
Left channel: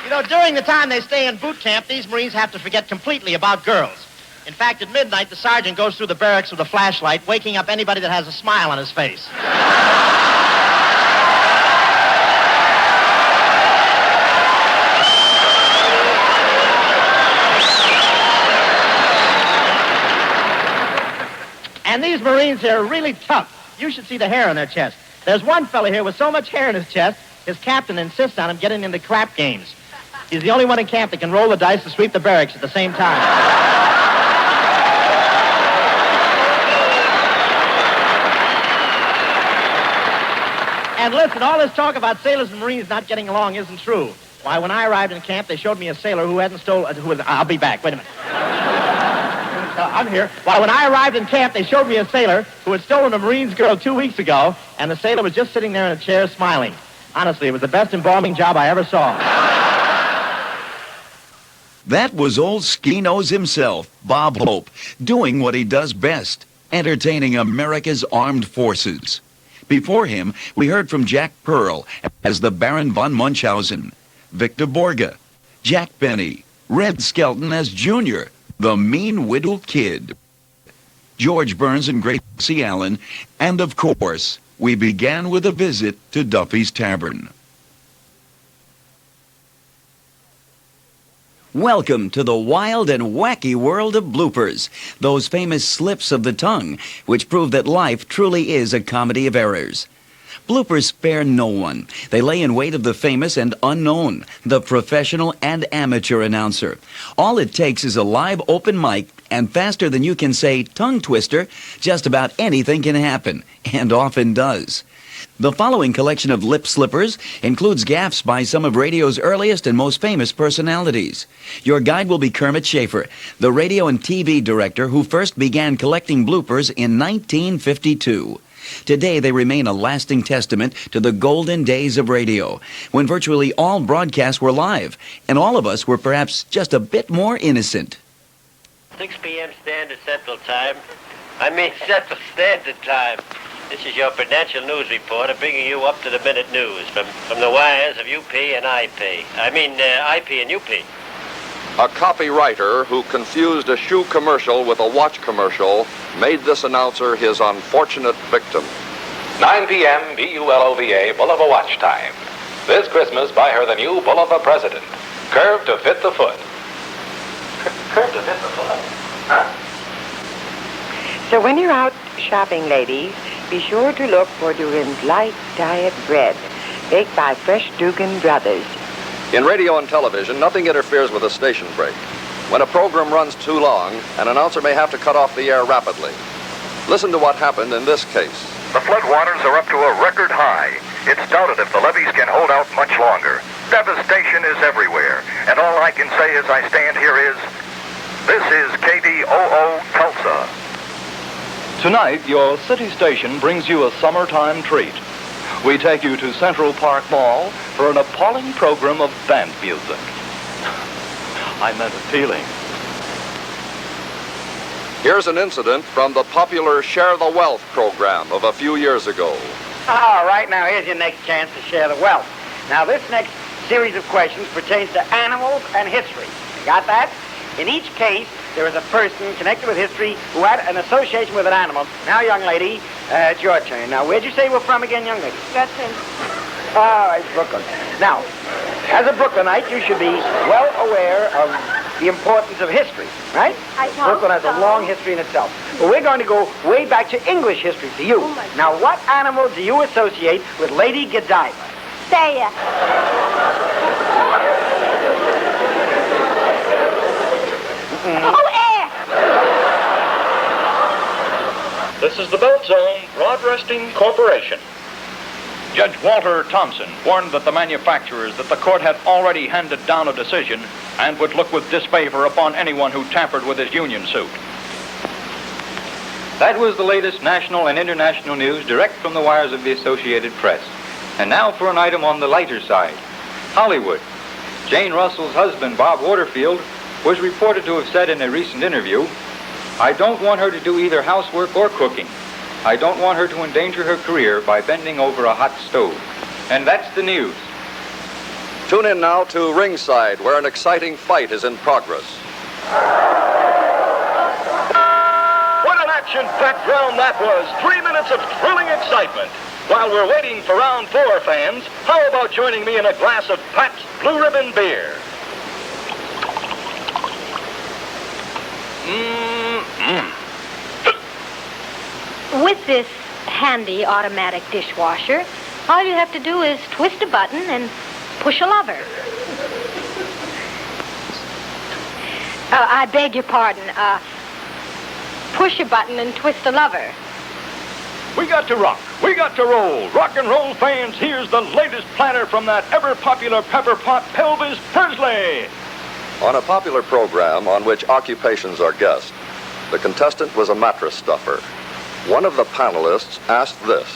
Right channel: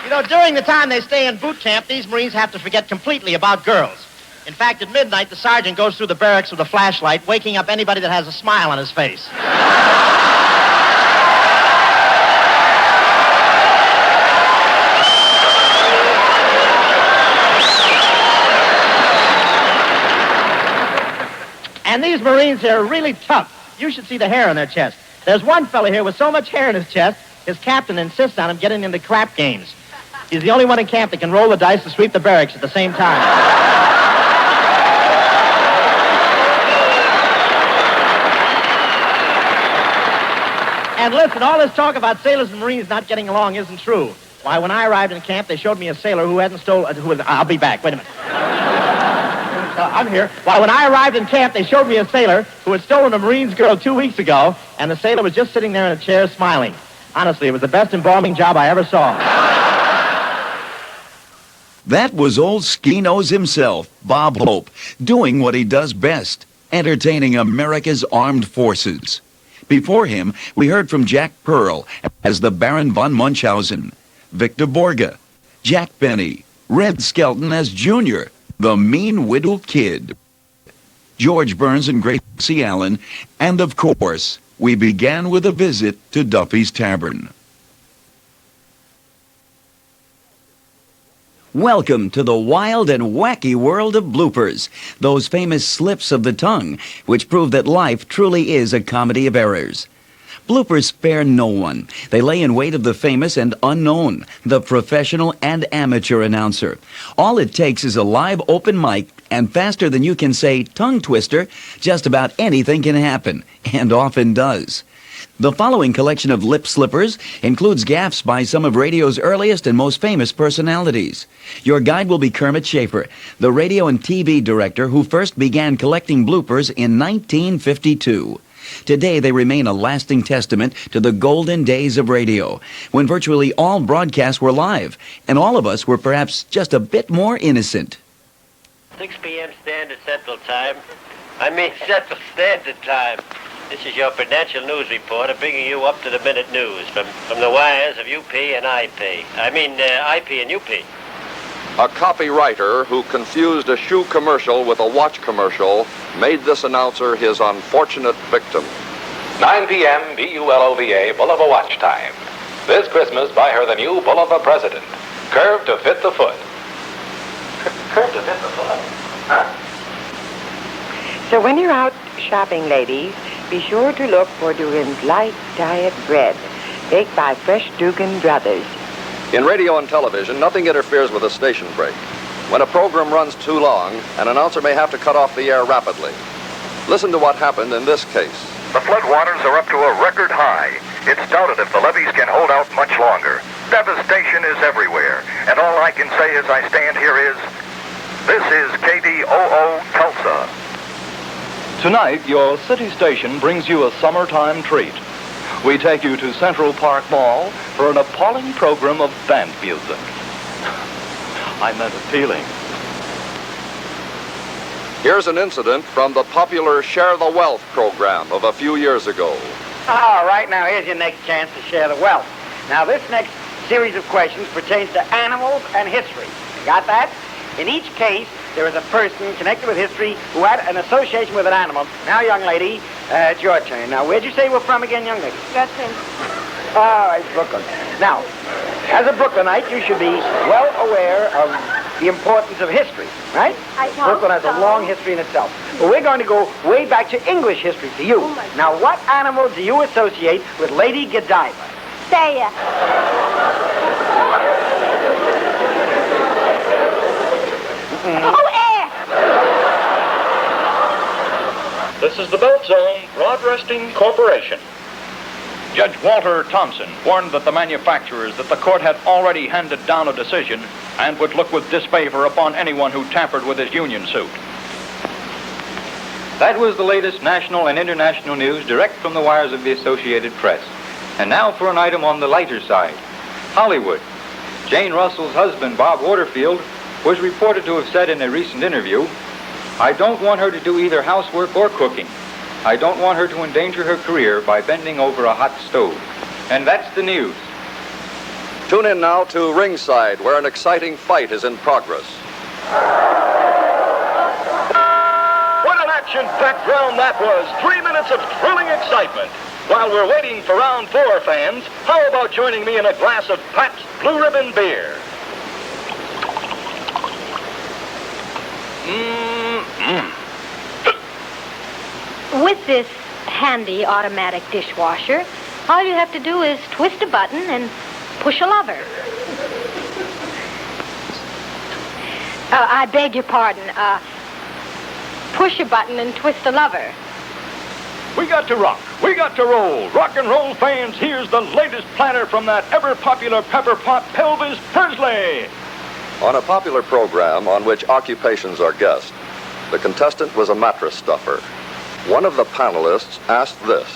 You know, during the time they stay in boot camp, these Marines have to forget completely about girls. In fact, at midnight, the sergeant goes through the barracks with a flashlight, waking up anybody that has a smile on his face. And these Marines here are really tough. You should see the hair on their chest. There's one fellow here with so much hair in his chest, his captain insists on him getting into clap games. He's the only one in camp that can roll the dice and sweep the barracks at the same time. And listen, all this talk about sailors and Marines not getting along isn't true. Why, when I arrived in camp, they showed me a sailor who hadn't stolen... I'll be back. Wait a minute. I'm here. Why, when I arrived in camp, they showed me a sailor who had stolen a Marine's girl 2 weeks ago, and the sailor was just sitting there in a chair smiling. Honestly, it was the best embalming job I ever saw. That was old Ski-Nose himself, Bob Hope, doing what he does best, entertaining America's armed forces. Before him, we heard from Jack Pearl as the Baron von Munchausen, Victor Borge, Jack Benny, Red Skelton as Junior, the Mean Widow Kid, George Burns and Gracie Allen, and of course, we began with a visit to Duffy's Tavern. Welcome to the wild and wacky world of bloopers, those famous slips of the tongue, which prove that life truly is a comedy of errors. Bloopers spare no one. They lay in wait of the famous and unknown, the professional and amateur announcer. All it takes is a live open mic, and faster than you can say tongue twister, just about anything can happen, and often does. The following collection of lip slippers includes gaffes by some of radio's earliest and most famous personalities. Your guide will be Kermit Schaefer, the radio and TV director who first began collecting bloopers in 1952. Today, they remain a lasting testament to the golden days of radio, when virtually all broadcasts were live, and all of us were perhaps just a bit more innocent. 6 p.m. Standard Central Time. Central Standard Time. This is your Prudential News reporter bringing you up-to-the-minute news from the wires of UP and IP. IP and UP. A copywriter who confused a shoe commercial with a watch commercial made this announcer his unfortunate victim. 9 p.m. BULOVA, Bulova Watch Time. This Christmas, buy her the new Bulova President. Curved to fit the foot. Curved to fit the foot? Huh? So when you're out shopping, ladies, be sure to look for Durin's Light Diet Bread, baked by Fresh Dugan Brothers. In radio and television, nothing interferes with a station break. When a program runs too long, an announcer may have to cut off the air rapidly. Listen to what happened in this case. The floodwaters are up to a record high. It's doubted if the levees can hold out much longer. Devastation is everywhere. And all I can say as I stand here is, this is KDOO Tulsa. Tonight, your city station brings you a summertime treat. We take you to Central Park Mall for an appalling program of band music. I meant appealing. Here's an incident from the popular Share the Wealth program of a few years ago. All right, now here's your next chance to share the wealth. Now, this next series of questions pertains to animals and history. You got that? In each case, there is a person connected with history who had an association with an animal. Now, young lady, it's your turn. Now, where'd you say we're from again, young lady? Brooklyn. All right, Brooklyn. Now, as a Brooklynite, you should be well aware of the importance of history, right? Brooklyn has a long history in itself. But we're going to go way back to English history for you. Now, what animal do you associate with Lady Godiva? Saya. Oh, air! This is the Belt Zone Broadcasting Corporation. Judge Walter Thompson warned that the manufacturers that the court had already handed down a decision and would look with disfavor upon anyone who tampered with his union suit. That was the latest national and international news direct from the wires of the Associated Press. And now for an item on the lighter side. Hollywood. Jane Russell's husband, Bob Waterfield, was reported to have said in a recent interview, "I don't want her to do either housework or cooking. I don't want her to endanger her career by bending over a hot stove." And that's the news. Tune in now to ringside, where an exciting fight is in progress. What an action-packed round that was. 3 minutes of thrilling excitement. While we're waiting for round 4, fans, how about joining me in a glass of Pabst Blue Ribbon beer? With this handy automatic dishwasher, all you have to do is twist a button and push a lever. I beg your pardon. Push a button and twist a lever. We got to rock. We got to roll. Rock and roll fans, here's the latest platter from that ever-popular pepper pot, Pelvis Pursley. On a popular program on which occupations are guessed, the contestant was a mattress stuffer. One of the panelists asked this.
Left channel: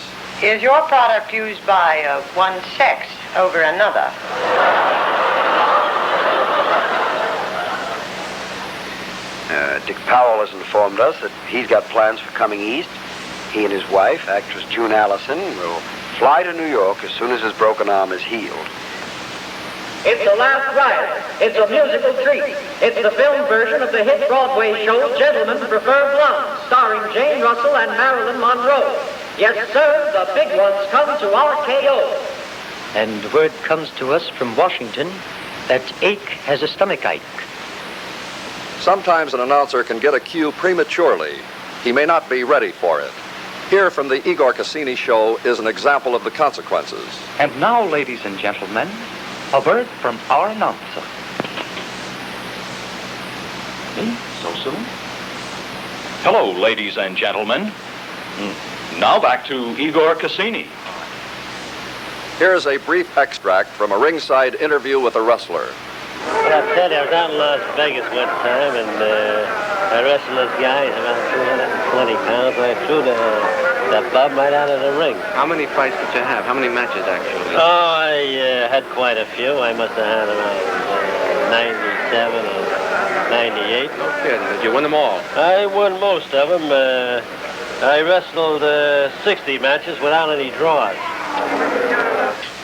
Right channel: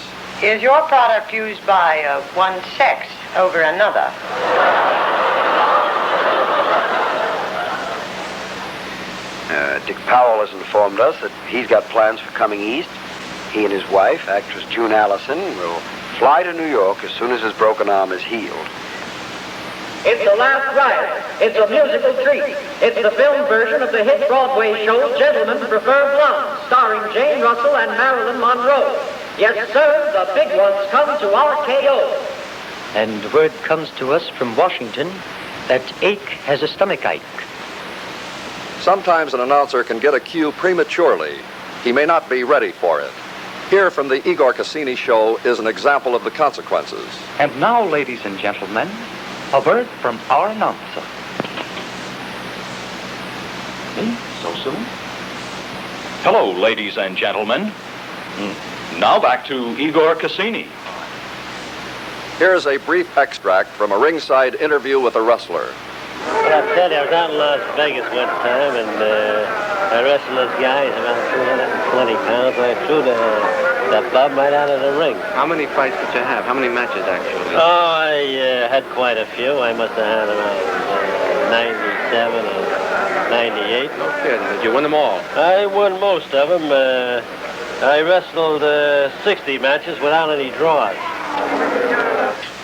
Is your product used by one sex over another? Dick Powell has informed us that he's got plans for coming east. He and his wife, actress June Allison, will fly to New York as soon as his broken arm is healed. It's the last ride. It's a musical treat. It's the film version of the hit Broadway show Gentlemen Prefer Blondes, starring Jane Russell and Marilyn Monroe. Yes, sir, the big ones come to RKO. And word comes to us from Washington that Ake has a stomachache. Sometimes an announcer can get a cue prematurely. He may not be ready for it. Here from the Igor Cassini Show is an example of the consequences. And now, ladies and gentlemen, a word from our announcer. So soon? Hello, ladies and gentlemen. Now back to Igor Cassini. Here is a brief extract from a ringside interview with a wrestler. Well, I tell you, I was out in Las Vegas one time, and I wrestled those guys around 220 pounds. I threw the bum right out of the ring. How many fights did you have? How many matches, actually? Oh, I had quite a few. I must have had around 97 or 98. Okay, did you win them all? I won most of them. I wrestled 60 matches without any draws.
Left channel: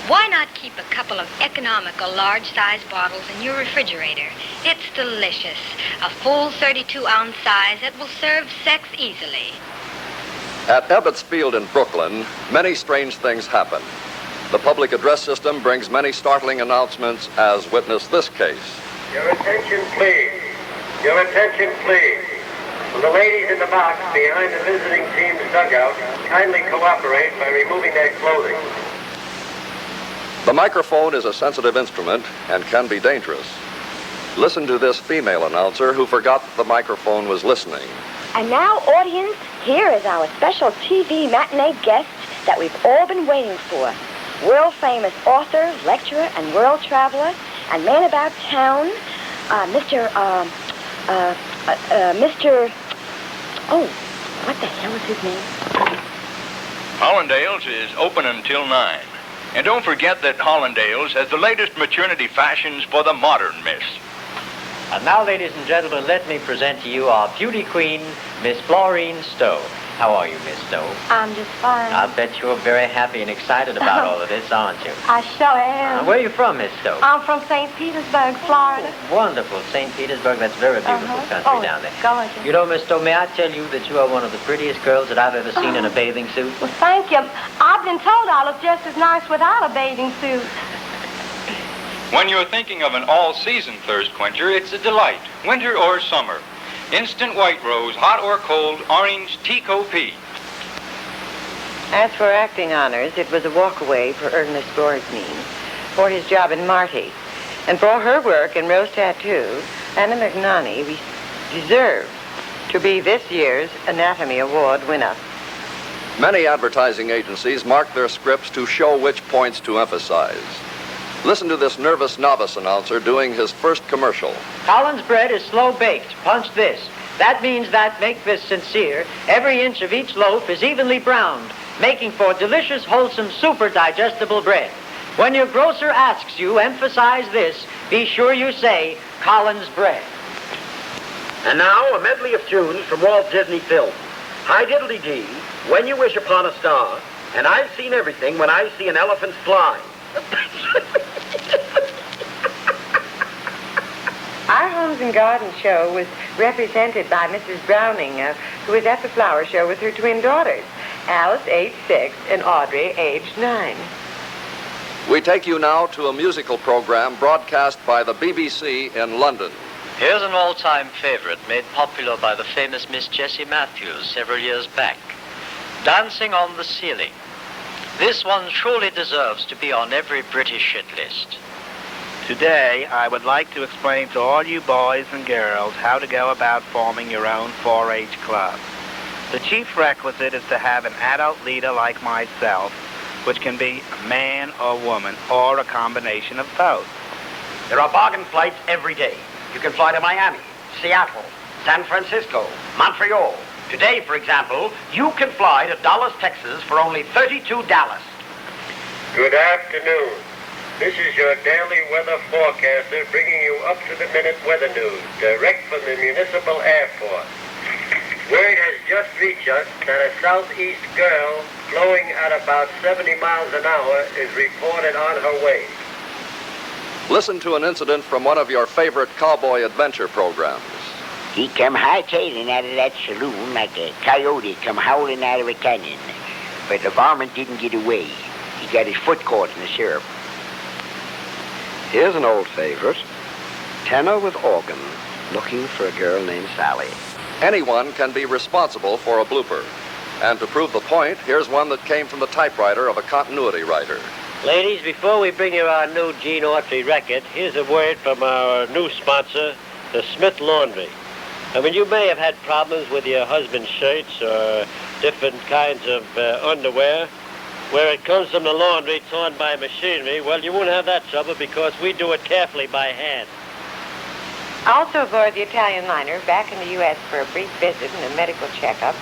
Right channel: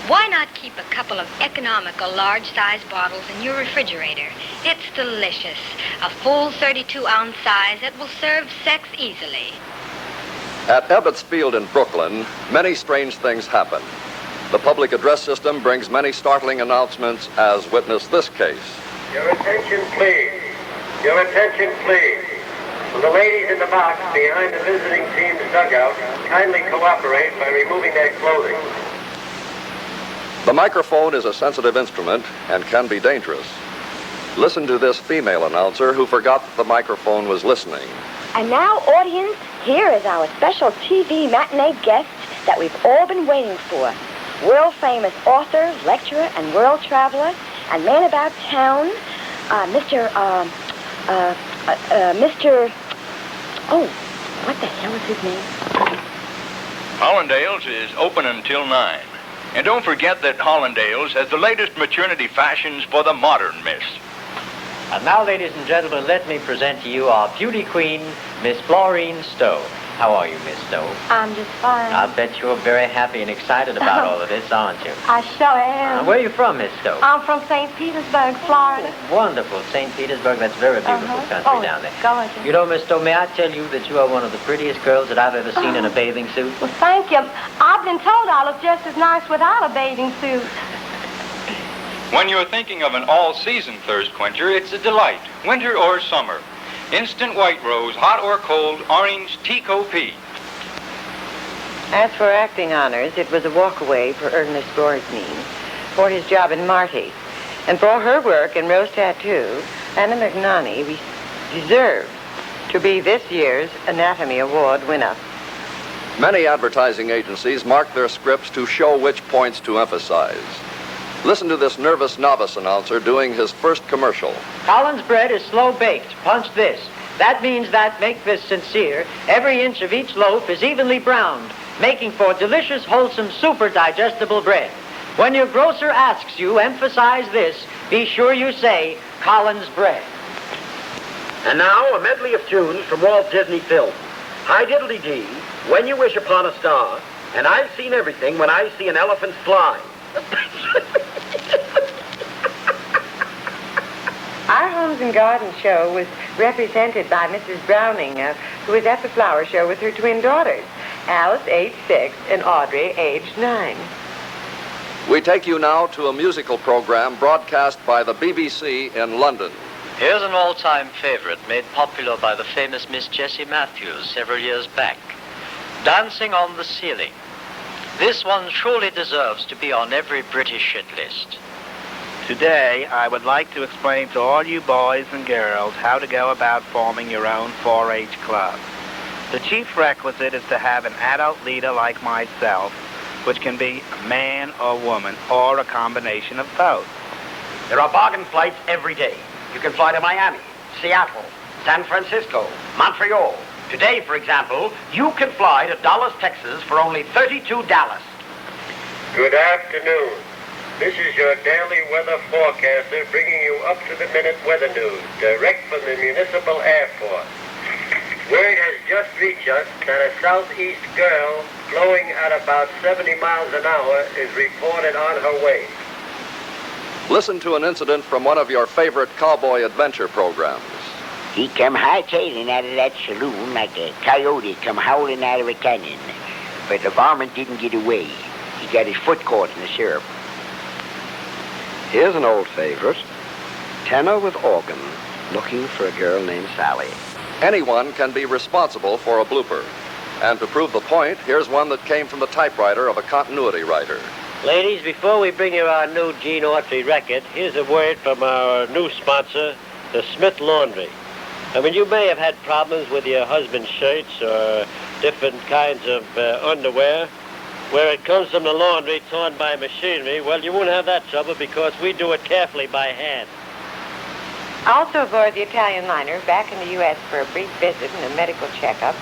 Why not keep a couple of economical large-size bottles in your refrigerator? It's delicious. A full 32-ounce size that will serve sex easily. At Ebbets Field in Brooklyn, many strange things happen. The public address system brings many startling announcements, as witness this case. Your attention, please. Your attention, please. Will the ladies in the box behind the visiting team's dugout kindly cooperate by removing their clothing? The microphone is a sensitive instrument and can be dangerous. Listen to this female announcer who forgot that the microphone was listening. And now, audience, here is our special TV matinee guest that we've all been waiting for. World-famous author, lecturer, and world traveler, and man about town, Mr. Oh, what the hell is his name? Hollandale's is open until 9. And don't forget that Hollandale's has the latest maternity fashions for the modern miss. And now, ladies and gentlemen, let me present to you our beauty queen, Miss Florine Stowe. How are you, Miss Stowe? I'm just fine. I'll bet you're very happy and excited about all of this, aren't you? I sure am. Where are you from, Miss Stowe? I'm from St. Petersburg, Florida. Wonderful. St. Petersburg, that's a very beautiful country down there. Gorgeous. You know, Miss Stowe, may I tell you that you are one of the prettiest girls that I've ever seen in a bathing suit? Well, thank you. I've been told I look just as nice without a bathing suit. When you're thinking of an all-season thirst quencher, it's a delight, winter or summer. Instant white rose, hot or cold, orange, Tico P. As for acting honors, it was a walkaway for Ernest Borge for his job in Marty. And for her work in Rose Tattoo, Anna McNanny deserves to be this year's Anatomy Award winner. Many advertising agencies mark their scripts to show which points to emphasize. Listen to this nervous novice announcer doing his first commercial. Collins bread is slow baked. Punch this. That means that, make this sincere, every inch of each loaf is evenly browned, making for delicious, wholesome, super digestible bread. When your grocer asks you, emphasize this, be sure you say, Collins bread. And now, a medley of tunes from Walt Disney films. Hi Diddly Dee, When You Wish Upon a Star, and I've seen everything when I see an elephant fly. Our Homes and Garden show was represented by Mrs. Browning, who was at the flower show with her twin daughters, Alice, age 6, and Audrey, age 9. We take you now to a musical program broadcast by the BBC in London. Here's an all-time favorite made popular by the famous Miss Jessie Matthews several years back. Dancing on the Ceiling. This one truly deserves to be on every British hit list. Today, I would like to explain to all you boys and girls how to go about forming your own 4-H club. The chief requisite is to have an adult leader like myself, which can be a man or woman or a combination of both. There are bargain flights every day. You can fly to Miami, Seattle, San Francisco, Montreal. Today, for example, you can fly to Dallas, Texas for only $32. Good afternoon. This is your daily weather forecaster bringing you up-to-the-minute weather news direct from the municipal airport. Word has just reached us that a southeast girl flowing at about 70 miles an hour is reported on her way. Listen to an incident from one of your favorite cowboy adventure programs. He come hightailing out of that saloon like a coyote come howling out of a canyon. But the varmint didn't get away. He got his foot caught in the syrup. Here's an old favorite. Tenor with organ looking for a girl named Sally. Anyone can be responsible for a blooper. And to prove the point, here's one that came from the typewriter of a continuity writer. Ladies, before we bring you our new Gene Autry record, here's a word from our new sponsor, the Smith Laundry. I mean, you may have had problems with your husband's shirts or different kinds of underwear where it comes from the laundry torn by machinery. Well, you won't have that trouble because we do it carefully by hand. Also aboard the Italian liner, back in the U.S. for a brief visit and a medical checkup,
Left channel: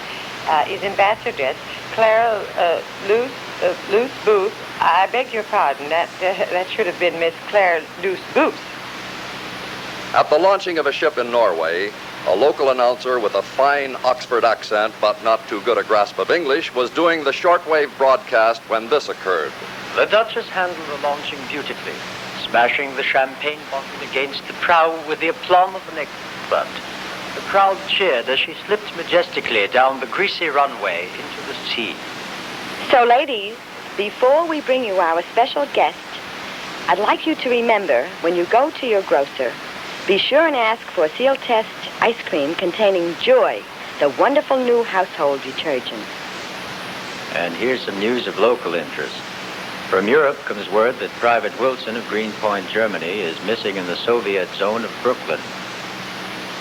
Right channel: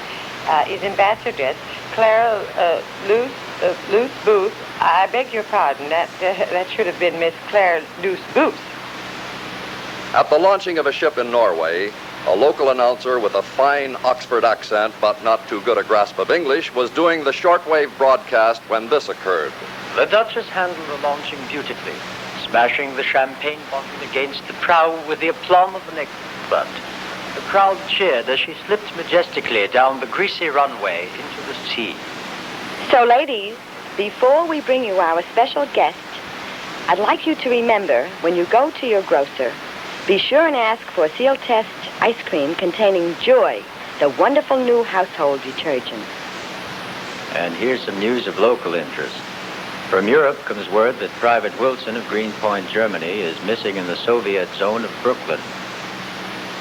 is Ambassadress Clara Luce Booth. I beg your pardon. That should have been Miss Claire Luce Booth. At the launching of a ship in Norway, a local announcer with a fine Oxford accent but not too good a grasp of English was doing the shortwave broadcast when this occurred. The Duchess handled the launching beautifully, smashing the champagne bottle against the prow with the aplomb of an expert. The crowd cheered as she slipped majestically down the greasy runway into the sea. So, ladies, before we bring you our special guest, I'd like you to remember, when you go to your grocer, be sure and ask for Seal Test ice cream containing Joy, the wonderful new household detergent. And here's some news of local interest. From Europe comes word that Private Wilson of Greenpoint, Germany, is missing in the Soviet zone of Brooklyn.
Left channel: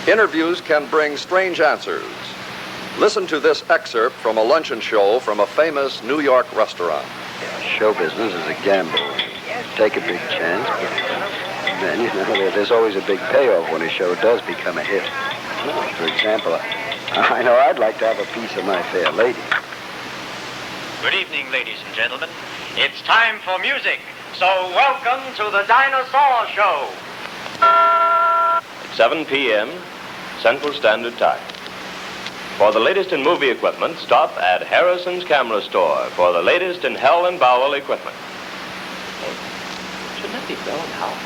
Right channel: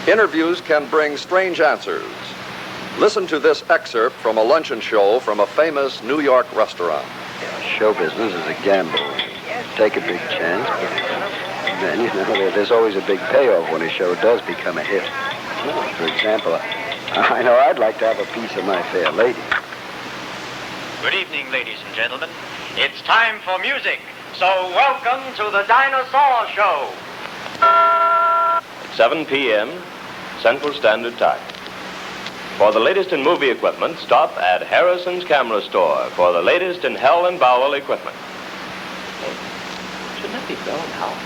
Interviews can bring strange answers. Listen to this excerpt from a luncheon show from a famous New York restaurant. Show business is a gamble. Take a big chance, but then, there's always a big payoff when a show does become a hit. For example, I know I'd like to have a piece of my fair lady. Good evening, ladies and gentlemen. It's time for music, so welcome to the Dinosaur Show. 7 p.m. Central Standard Time. For the latest in movie equipment, stop at Harrison's Camera Store for the latest in Hell and Bowel equipment. Shouldn't that be going now?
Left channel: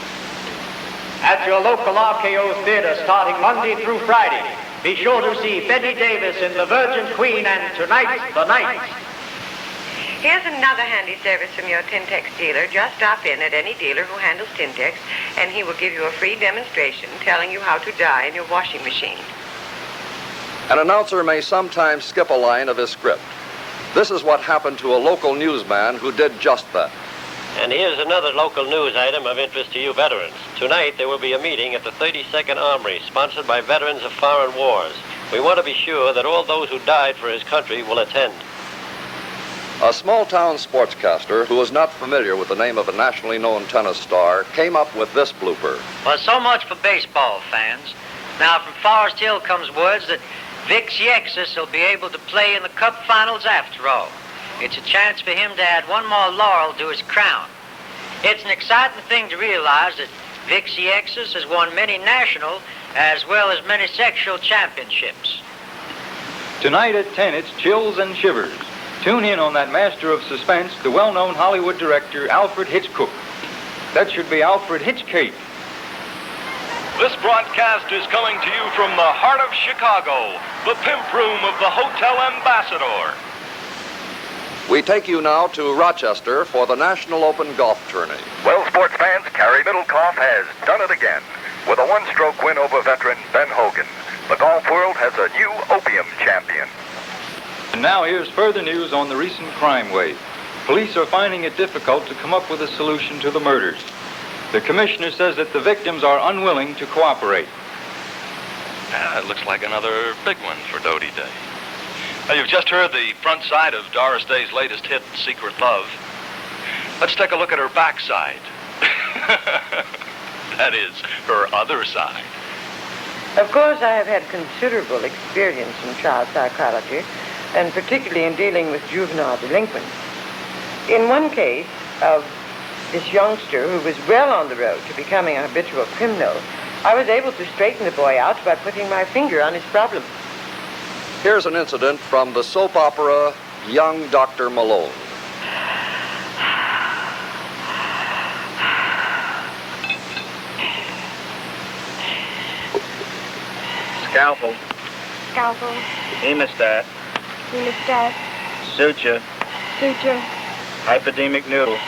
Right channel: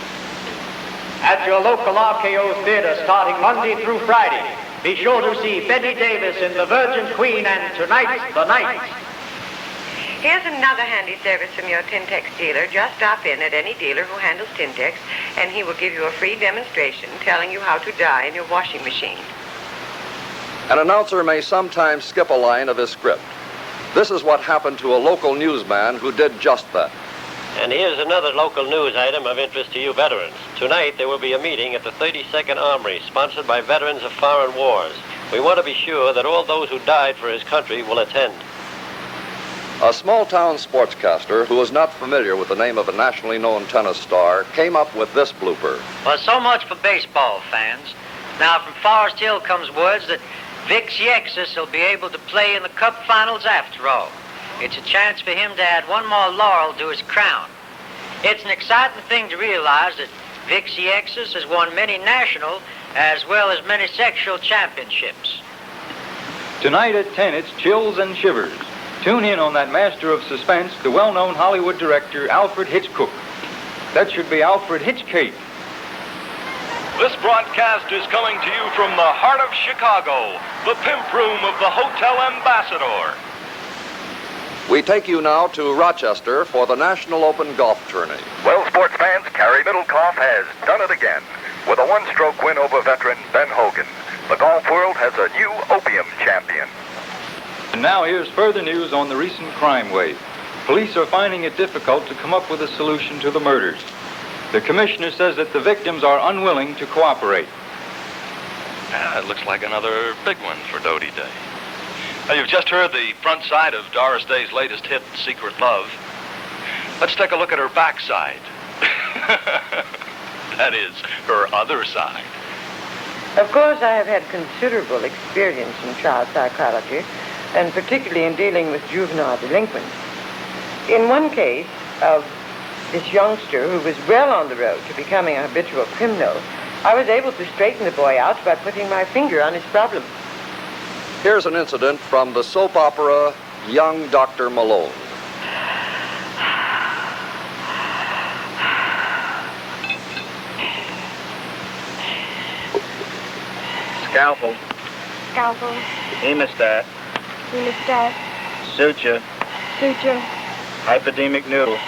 At your local RKO theater starting Monday through Friday, be sure to see Betty Davis in The Virgin Queen and Tonight's the Night. Here's another handy service from your Tintex dealer. Just stop in at any dealer who handles Tintex, and he will give you a free demonstration telling you how to dye in your washing machine. An announcer may sometimes skip a line of his script. This is what happened to a local newsman who did just that. And here's another local news item of interest to you veterans. Tonight there will be a meeting at the 32nd Armory, sponsored by veterans of foreign wars. We want to be sure that all those who died for his country will attend. A small-town sportscaster who was not familiar with the name of a nationally known tennis star came up with this blooper. Well, so much for baseball fans. Now, from Forest Hill comes words that Vic Yexus will be able to play in the Cup Finals after all. It's a chance for him to add one more laurel to his crown. It's an exciting thing to realize that Vic Yexus has won many national as well as many sexual championships. Tonight at 10, it's Chills and Shivers. Tune in on that master of suspense, the well-known Hollywood director, Alfred Hitchcock. That should be Alfred Hitchcake. This broadcast is coming to you from the heart of Chicago, the pimp room of the Hotel Ambassador. We take you now to Rochester for the National Open Golf Tourney. Well, sports fans, Cary Middlecoff has done it again. With a one-stroke win over veteran Ben Hogan, the golf world has a new opium champion. And now here's further news on the recent crime wave. Police are finding it difficult to come up with a solution to the murders. The commissioner says that the victims are unwilling to cooperate. It looks like another big one for Doty Day. Now, you've just heard the front side of Doris Day's latest hit, Secret Love. Let's take a look at her backside. That is, her other side. Of course, I have had considerable experience in child psychology, and particularly in dealing with juvenile delinquents. In one case of this youngster who was well on the road to becoming a habitual criminal, I was able to straighten the boy out by putting my finger on his problem. Here's an incident from the soap opera Young Dr. Malone. Scalpel. Scalpel. Hemostat. Hemostat. Suture. Suture. Hypodermic needle.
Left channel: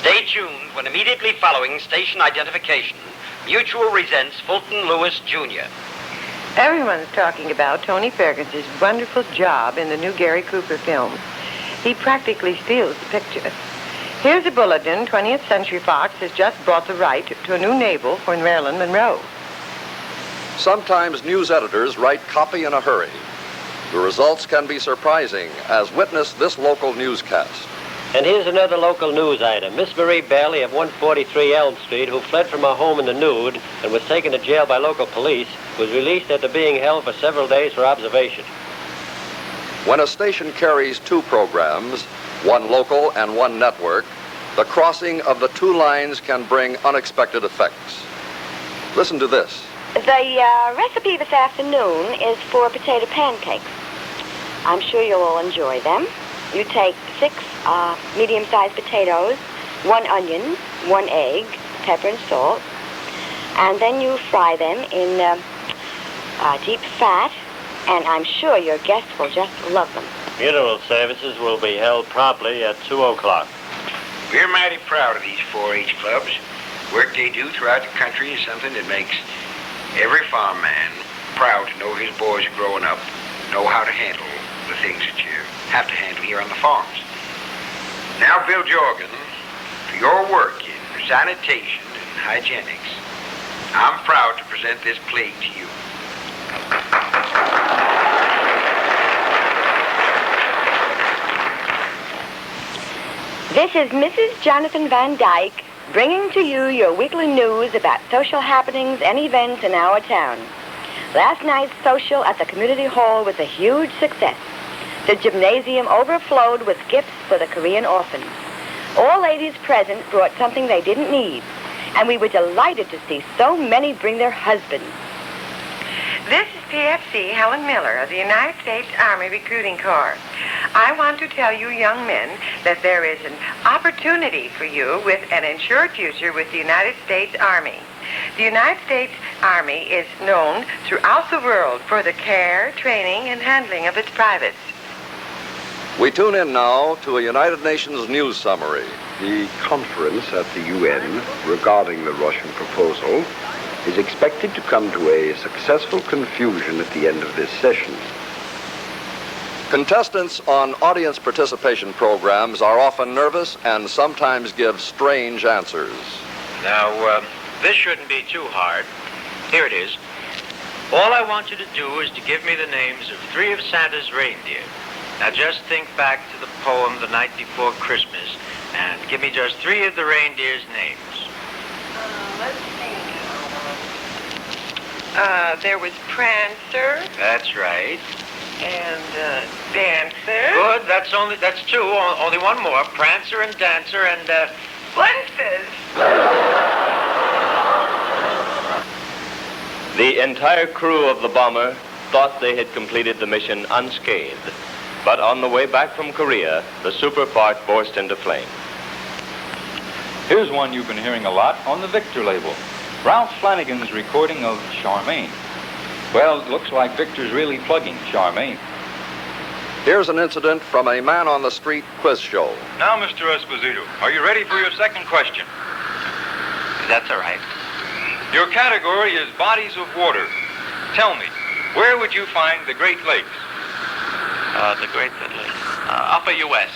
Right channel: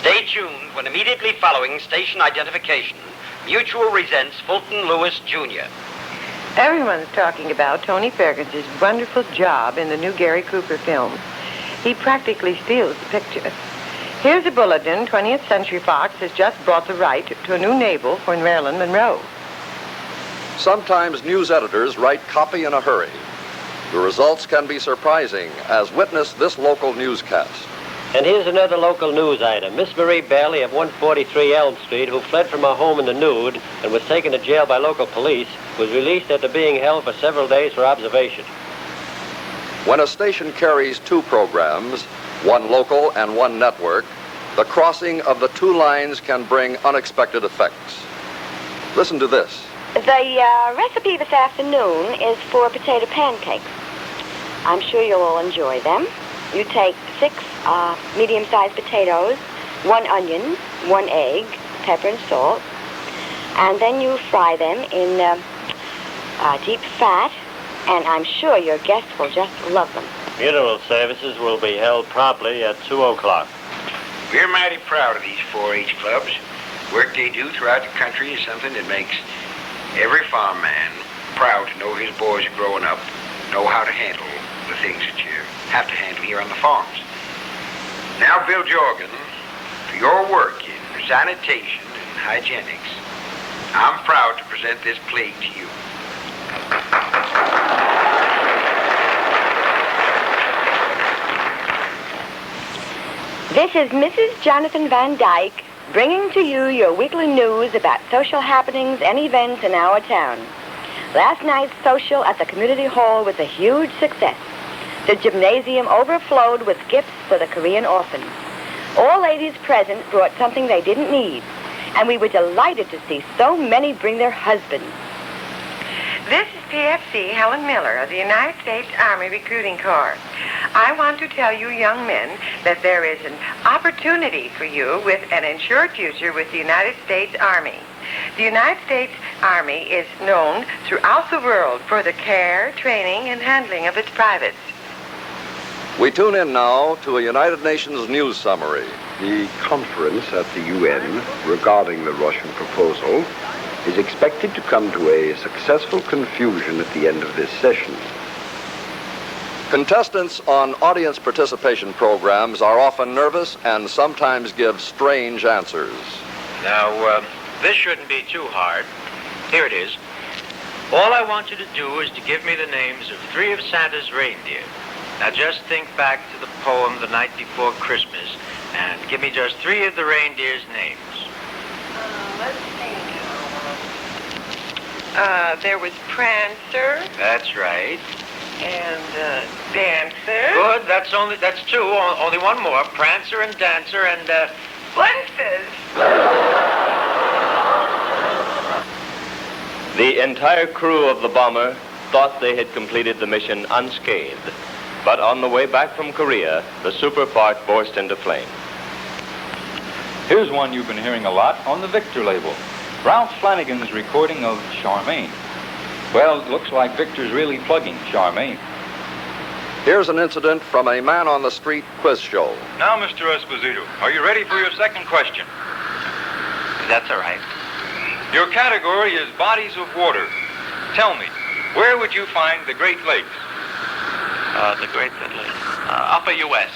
Stay tuned when immediately following station identification, Mutual resents Fulton Lewis, Jr. Everyone's talking about Tony Ferguson's wonderful job in the new Gary Cooper film. He practically steals the picture. Here's a bulletin. 20th Century Fox has just bought the right to a new naval for Marilyn Monroe. Sometimes news editors write copy in a hurry. The results can be surprising, as witness this local newscast. And here's another local news item. Miss Marie Bailey of 143 Elm Street, who fled from her home in the nude and was taken to jail by local police, was released after being held for several days for observation. When a station carries two programs, one local and one network, the crossing of the two lines can bring unexpected effects. Listen to this. The recipe this afternoon is for potato pancakes. I'm sure you'll all enjoy them. You take 6 medium-sized potatoes, 1 onion, 1 egg, pepper and salt, and then you fry them in deep fat, and I'm sure your guests will just love them. Funeral services will be held promptly at 2:00. We're mighty proud of these 4-H clubs. Work they do throughout the country is something that makes every farm man proud to know his boys are growing up, know how to handle the things that you have to handle here on the farms. Now, Bill Jorgen, for your work in sanitation and hygienics, I'm proud to present this plate to you. This is Mrs. Jonathan Van Dyke bringing to you your weekly news about social happenings and events in our town. Last night's social at the community hall was a huge success. The gymnasium overflowed with gifts for the Korean orphans. All ladies present brought something they didn't need, and we were delighted to see so many bring their husbands. This is PFC Helen Miller of the United States Army Recruiting Corps. I want to tell you young men that there is an opportunity for you with an insured future with the United States Army. The United States Army is known throughout the world for the care, training, and handling of its privates. We tune in now to a United Nations news summary. The conference at the UN regarding the Russian proposal is expected to come to a successful conclusion at the end of this session. Contestants on audience participation programs are often nervous and sometimes give strange answers. Now, this shouldn't be too hard. Here it is. All I want you to do is to give me the names of 3 of Santa's reindeer. Now just think back to the poem The Night Before Christmas and give me just 3 of the reindeer's names. Let's see. There was Prancer That's right. and Dancer. Good. That's two. Only one more. Prancer and Dancer and Fences. The entire crew of the bomber thought they had completed the mission unscathed. But on the way back from Korea, the super part burst into flame. Here's one you've been hearing a lot on the Victor label. Ralph Flanagan's recording of Charmaine. Well, it looks like Victor's really plugging Charmaine. Here's an incident from a man-on-the-street quiz show. Now, Mr. Esposito, are you ready for your second question? That's all right. Your category is bodies of water. Tell me, where would you find the Great Lakes? The Great Lakes. Upper U.S.